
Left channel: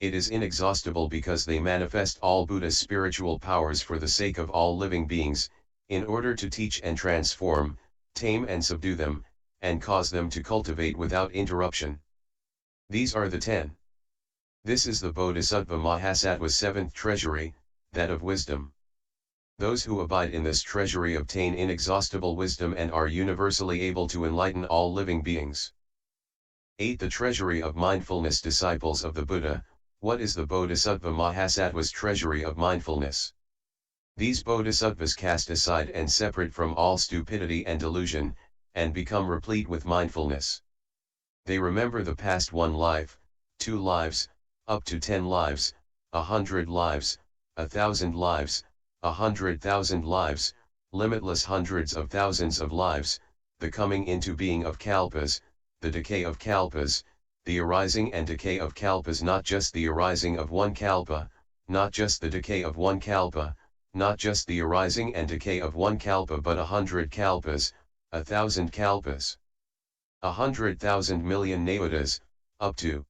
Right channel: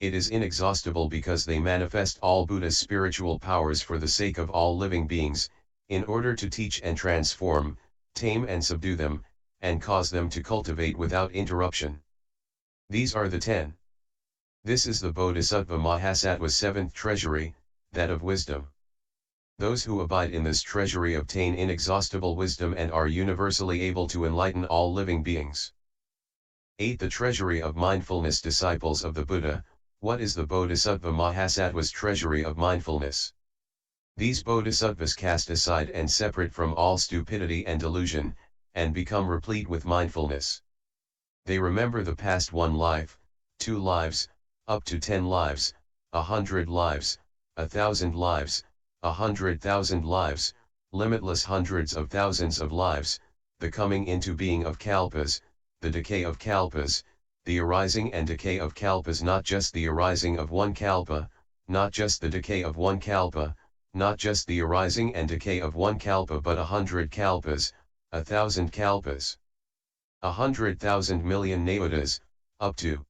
It is inexhaustible because they manifest all Buddha's spiritual powers for the sake of all living beings, in order to teach and transform, tame and subdue them, and cause them to cultivate without interruption. These are the 10. This is the Bodhisattva Mahasattva's 7th treasury, that of wisdom. Those who abide in this treasury obtain inexhaustible wisdom and are universally able to enlighten all living beings. 8. The treasury of mindfulness. Disciples of the Buddha, what is the Bodhisattva Mahasattva's treasury of mindfulness? These bodhisattvas cast aside and separate from all stupidity and delusion, and become replete with mindfulness. They remember the past 1 life, 2 lives, up to 10 lives, 100 lives, 1,000 lives, 100,000 lives, limitless hundreds of thousands of lives, the coming into being of kalpas, the decay of kalpas, the arising and decay of kalpas, not just the arising of 1 kalpa, not just the decay of 1 kalpa, not just the arising and decay of 1 kalpa, but 100 kalpas, 1,000 kalpas, 100,000 million nayotas, up to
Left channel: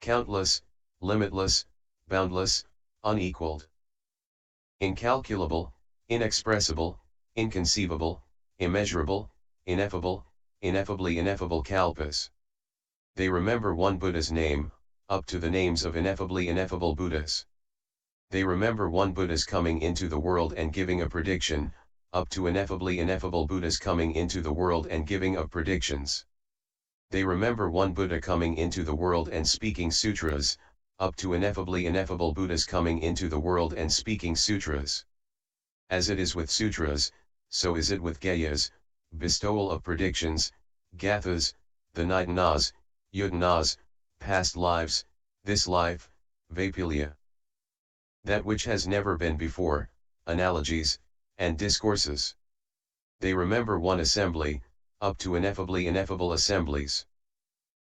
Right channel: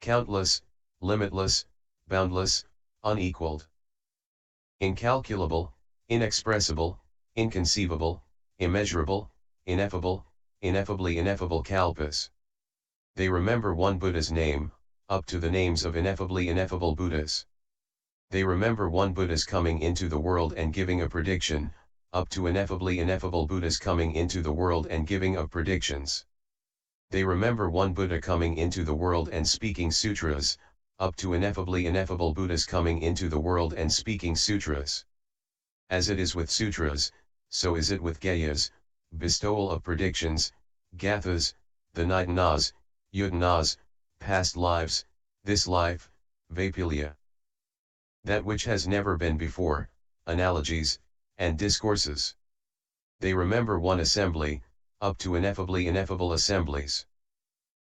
countless, limitless, boundless, unequaled, incalculable, inexpressible, inconceivable, immeasurable, ineffable, ineffably ineffable kalpas. They remember 1 Buddha's name, up to the names of ineffably ineffable Buddhas. They remember 1 Buddha's coming into the world and giving a prediction, up to ineffably ineffable Buddhas coming into the world and giving of predictions. They remember 1 Buddha coming into the world and speaking sutras, up to ineffably ineffable Buddhas coming into the world and speaking sutras. As it is with sutras, so is it with gayas, bestowal of predictions, gathas, the nitanas, yudanas, past lives, this life, vapilya. That which has never been before, analogies, and discourses. They remember 1 assembly, up to ineffably ineffable assemblies.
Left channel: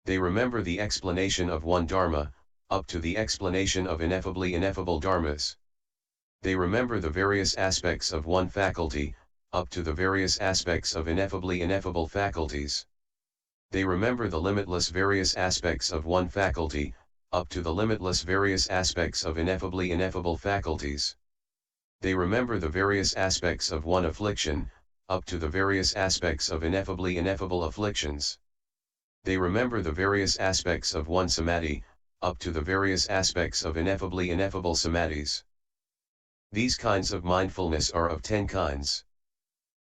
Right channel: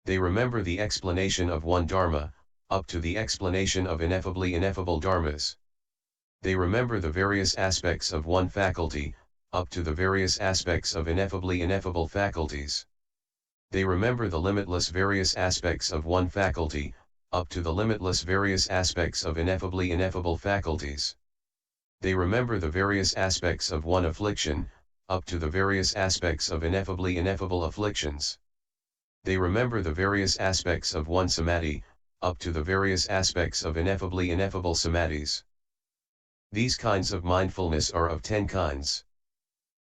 They remember the explanation of 1 dharma, up to the explanation of ineffably ineffable dharmas. They remember the various aspects of 1 faculty, up to the various aspects of ineffably ineffable faculties. They remember the limitless various aspects of 1 faculty, up to the limitless various aspects of ineffably ineffable faculties. They remember the various aspects of 1 affliction, up to the various aspects of ineffably ineffable afflictions. They remember the various aspects of 1 samadhi, up to the various aspects of ineffably ineffable samadhis. These kinds of mindfulness are of 10 kinds.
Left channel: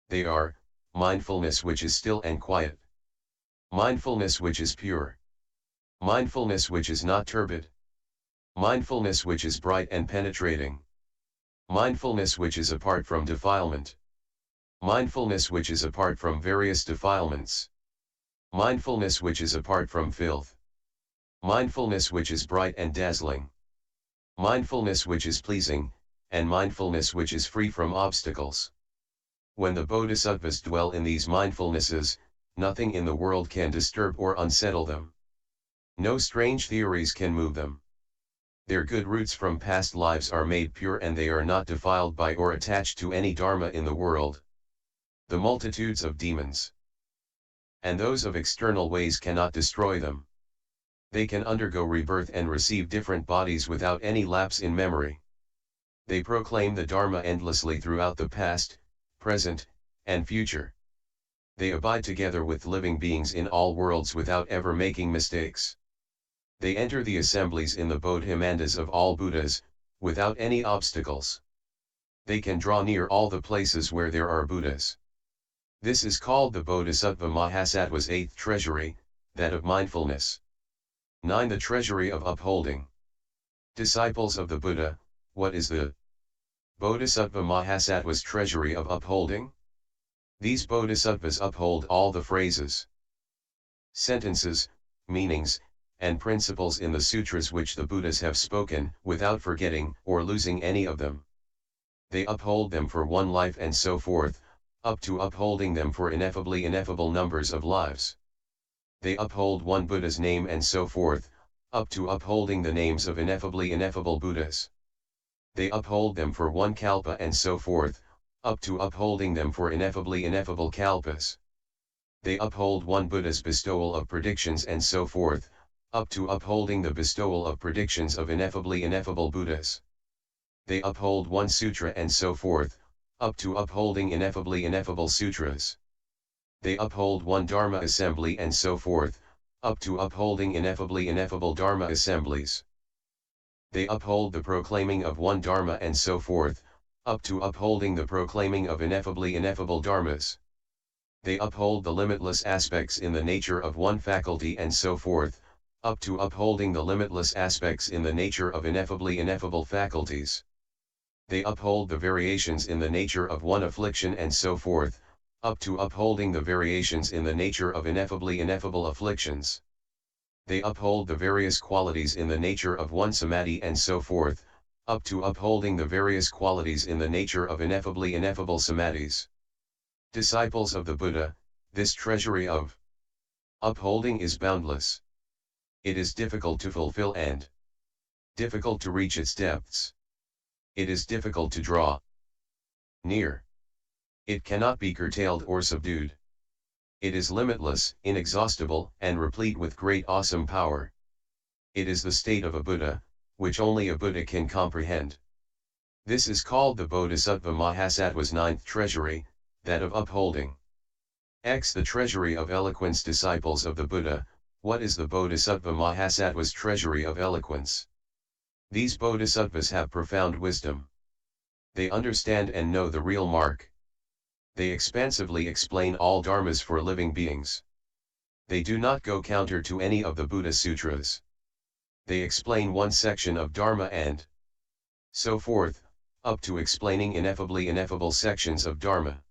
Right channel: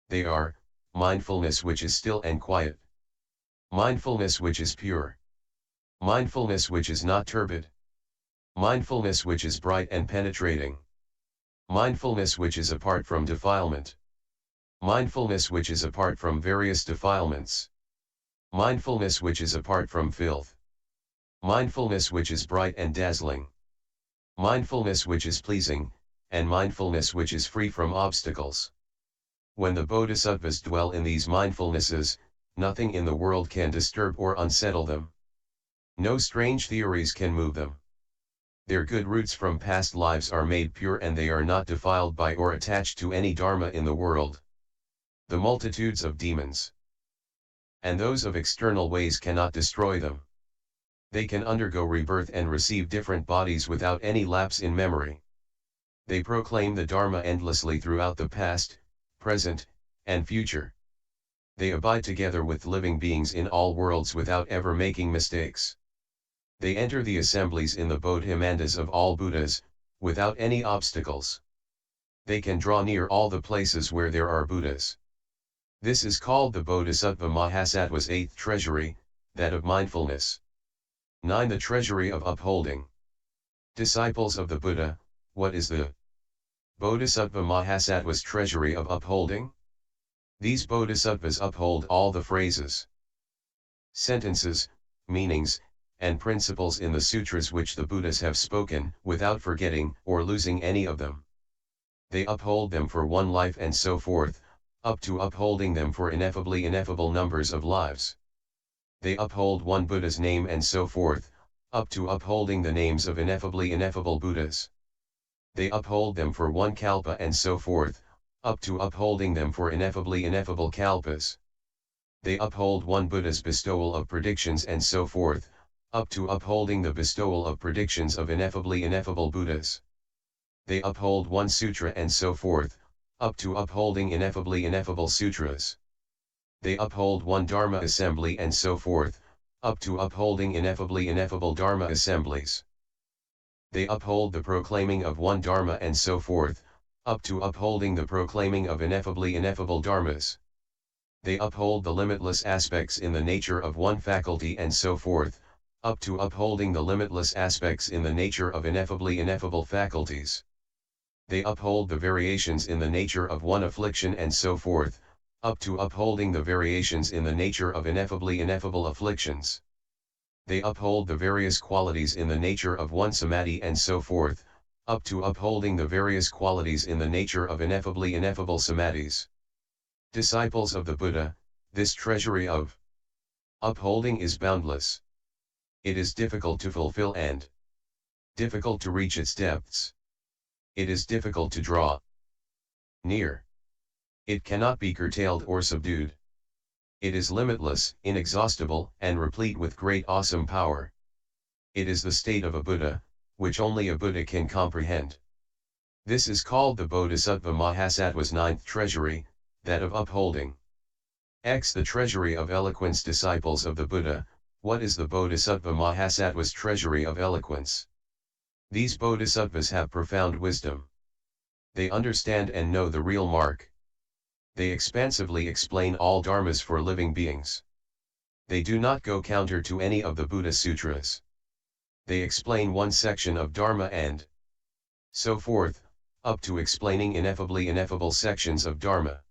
They are, mindfulness which is still and quiet, mindfulness which is pure, mindfulness which is not turbid, mindfulness which is bright and penetrating, mindfulness which is apart from defilement, mindfulness which is apart from various defilements, mindfulness which is apart from filth, mindfulness which is bright and dazzling, mindfulness which is pleasing, and mindfulness which is free from obstacles. When the bodhisattvas dwell in these mindfulnesses, nothing in the world can disturb or unsettle them. No strange theories can move them. Their good roots from past lives are made pure and they are not defiled by or attached to any dharma in the world. The multitudes of demons and those of external ways cannot destroy them. They can undergo rebirth and receive different bodies without any lapse in memory. They proclaim the dharma endlessly throughout the past, present, and future. They abide together with living beings in all worlds without ever making mistakes. They enter the assemblies in the Bodhimandas of all Buddhas, without any obstacles. They can draw near all the places where there are Buddhas. This is called the Bodhisattva Mahasattva's 8th treasury, that of mindfulness. 9. The treasury of upholding. Disciples of the Buddha, what is the Bodhisattva Mahasattva's treasury of upholding? These bodhisattvas uphold all the phrases, sentences, meanings, and principles in the sutras which the Buddhas have spoken, without forgetting or losing any of them. They uphold them for one life and so forth, up to upholding them for ineffable numbers of lives. They uphold one Buddha's name and so forth, up to upholding the names of ineffable Buddhas. They uphold them for one kalpa and so forth, up to upholding them for ineffable kalpas. They uphold one Buddha's bestowal of predictions and so forth, up to upholding the bestowal of predictions of ineffable Buddhas. They uphold one sutra and so forth, up to upholding ineffable sutras. They uphold one Dharma assembly and so forth, up to upholding ineffable Dharma assemblies. They uphold the proclaiming of one Dharma and so forth, up to upholding the proclaiming of ineffable Dharmas. They uphold the limitless aspects in the nature of one faculty and so forth, up to upholding the limitless aspects in the nature of ineffable faculties. They uphold the variations in the nature of one affliction and so forth, up to upholding the variations in the nature of ineffable afflictions. They uphold the various qualities in the nature of one samadhi and so forth, up to upholding the various qualities in the nature of ineffable samadhis. Disciples of the Buddha, this treasury of upholding is boundless. It is difficult to fulfill and difficult to reach its depths. It is difficult to draw near. It cannot be curtailed or subdued. It is limitless, inexhaustible, and replete with great awesome power. It is the state of a Buddha, which only a Buddha can comprehend. This is called the Bodhisattva Mahasattva's ninth treasury, that of upholding. X. The treasury of eloquence. Disciples of the Buddha, what is the Bodhisattva Mahasattva's treasury of eloquence? These bodhisattvas have profound wisdom. They understand and know the real mark. They expansively explain all dharmas for living beings. They do not go counter to any of the Buddha sutras. They explain one section of dharma and so forth, up to explaining ineffable sections of dharma.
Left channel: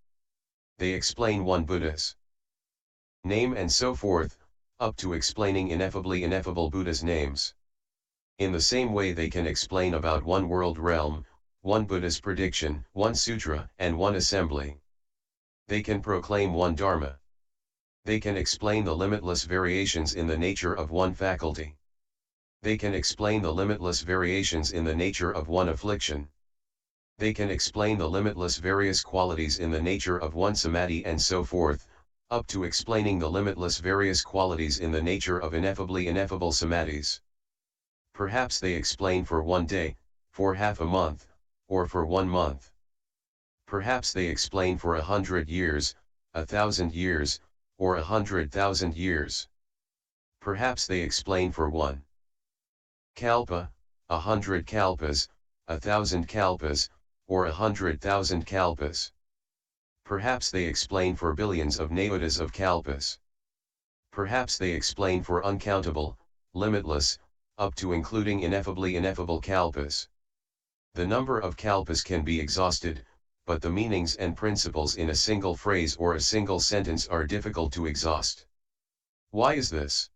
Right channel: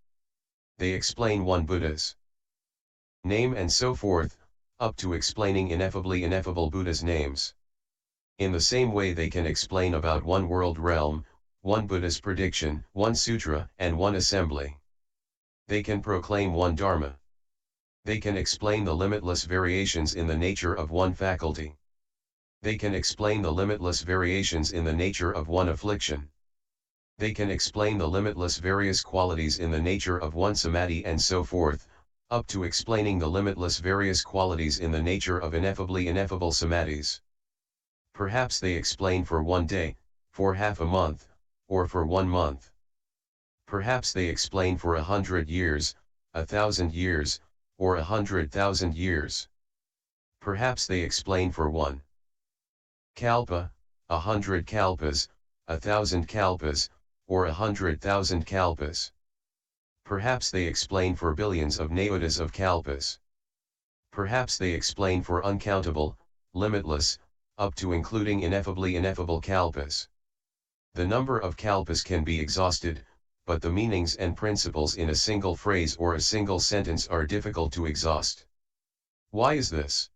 They explain one Buddha's name and so forth, up to explaining ineffable Buddha's names. In the same way they can explain about one world realm, one Buddha's prediction, one sutra, and one assembly. They can proclaim one dharma. They can explain the limitless variations in the nature of one faculty. They can explain the limitless variations in the nature of one affliction. They can explain the limitless various qualities in the nature of one samadhi and so forth, up to explaining the limitless various qualities in the nature of ineffable samadhis. Perhaps they explain for one day, for half a month, or for 1 month. Perhaps they explain for 100 years, 1,000 years, or 100,000 years. Perhaps they explain for 1 kalpa, 100 kalpas, 1,000 kalpas, or 100,000 kalpas. Perhaps they explain for billions of nayotas of kalpas. Perhaps they explain for uncountable, limitless, up to including ineffable kalpas. The number of kalpas can be exhausted, but the meanings and principles in a single phrase or a single sentence are difficult to exhaust. Why is this?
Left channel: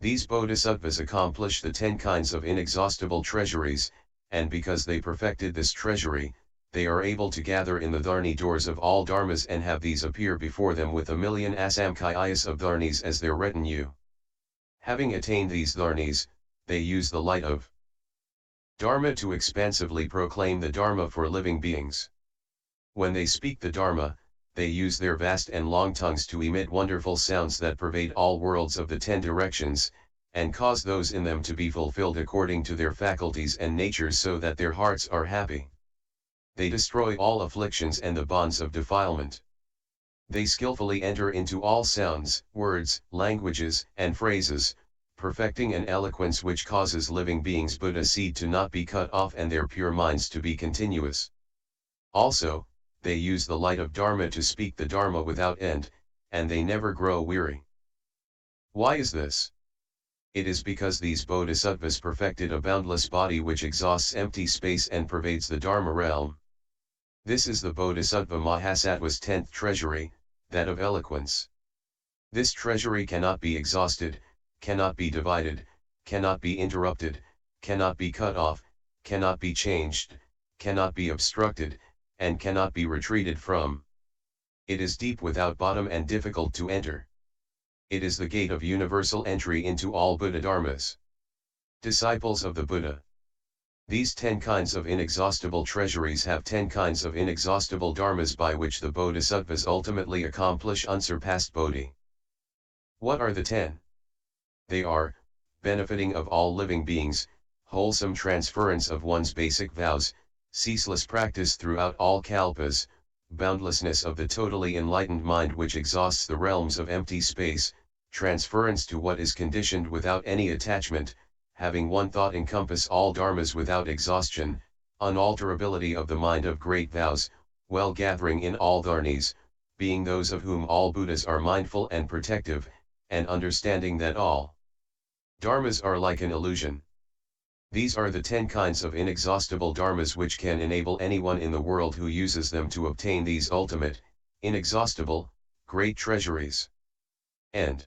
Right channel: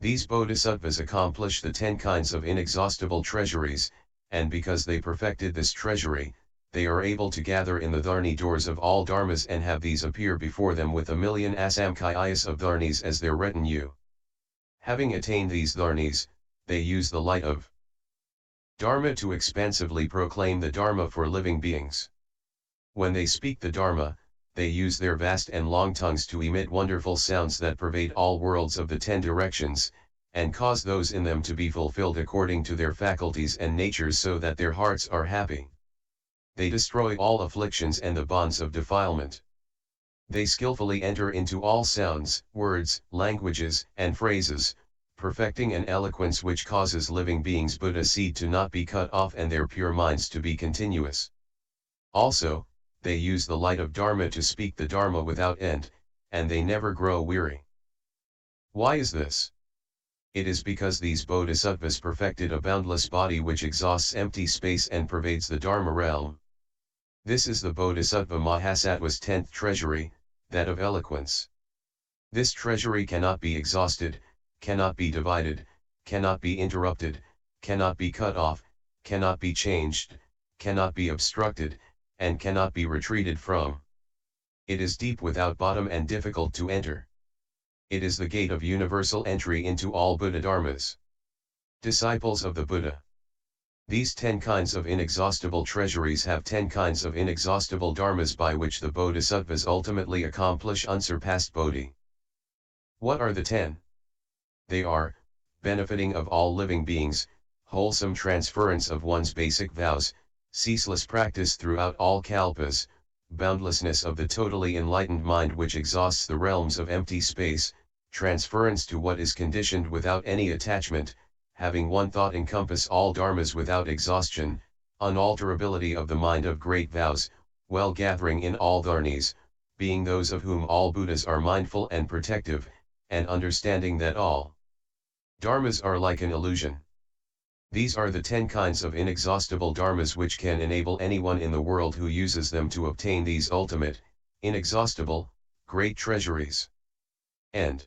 These bodhisattvas accomplish the 10 kinds of inexhaustible treasuries, and because they perfected this treasury, they are able to gather in the dharni doors of all dharmas and have these appear before them with 1,000,000 asamkhayas of dharnis as their retinue. Having attained these dharnis, they use the light of Dharma to expansively proclaim the Dharma for living beings. When they speak the Dharma, they use their vast and long tongues to emit wonderful sounds that pervade all worlds of the 10 directions, and cause those in them to be fulfilled according to their faculties and natures so that their hearts are happy. They destroy all afflictions and the bonds of defilement. They skillfully enter into all sounds, words, languages, and phrases, perfecting an eloquence which causes living beings' Buddha seed to not be cut off and their pure minds to be continuous. Also, they use the light of Dharma to speak the Dharma without end, and they never grow weary. Why is this? It is because these bodhisattvas perfected a boundless body which exhausts empty space and pervades the Dharma realm. This is the Bodhisattva Mahasattva's 10th treasury, that of eloquence. This treasury cannot be exhausted, cannot be divided, cannot be interrupted, cannot be cut off, cannot be changed, cannot be obstructed, and cannot be retreated from. It is deep without bottom and difficult to enter. It is the gate of universal entry into all Buddha Dharmas. Disciples of the Buddha. These 10 kinds of inexhaustible treasuries have 10 kinds of inexhaustible dharmas by which the bodhisattvas ultimately accomplish unsurpassed bodhi. What are the 10? They are, benefiting of all living beings, wholesome transference of one's basic vows, ceaseless practice throughout all kalpas, boundlessness of the totally enlightened mind which exhausts the realms of empty space, transference to what is conditioned without any attachment, having one thought encompass all dharmas without exhaustion, unalterability of the mind of great vows, well gathering in all dharnis, being those of whom all Buddhas are mindful and protective, and understanding that all dharmas are like an illusion. These are the 10 kinds of inexhaustible dharmas which can enable anyone in the world who uses them to obtain these ultimate, inexhaustible, great treasuries. End.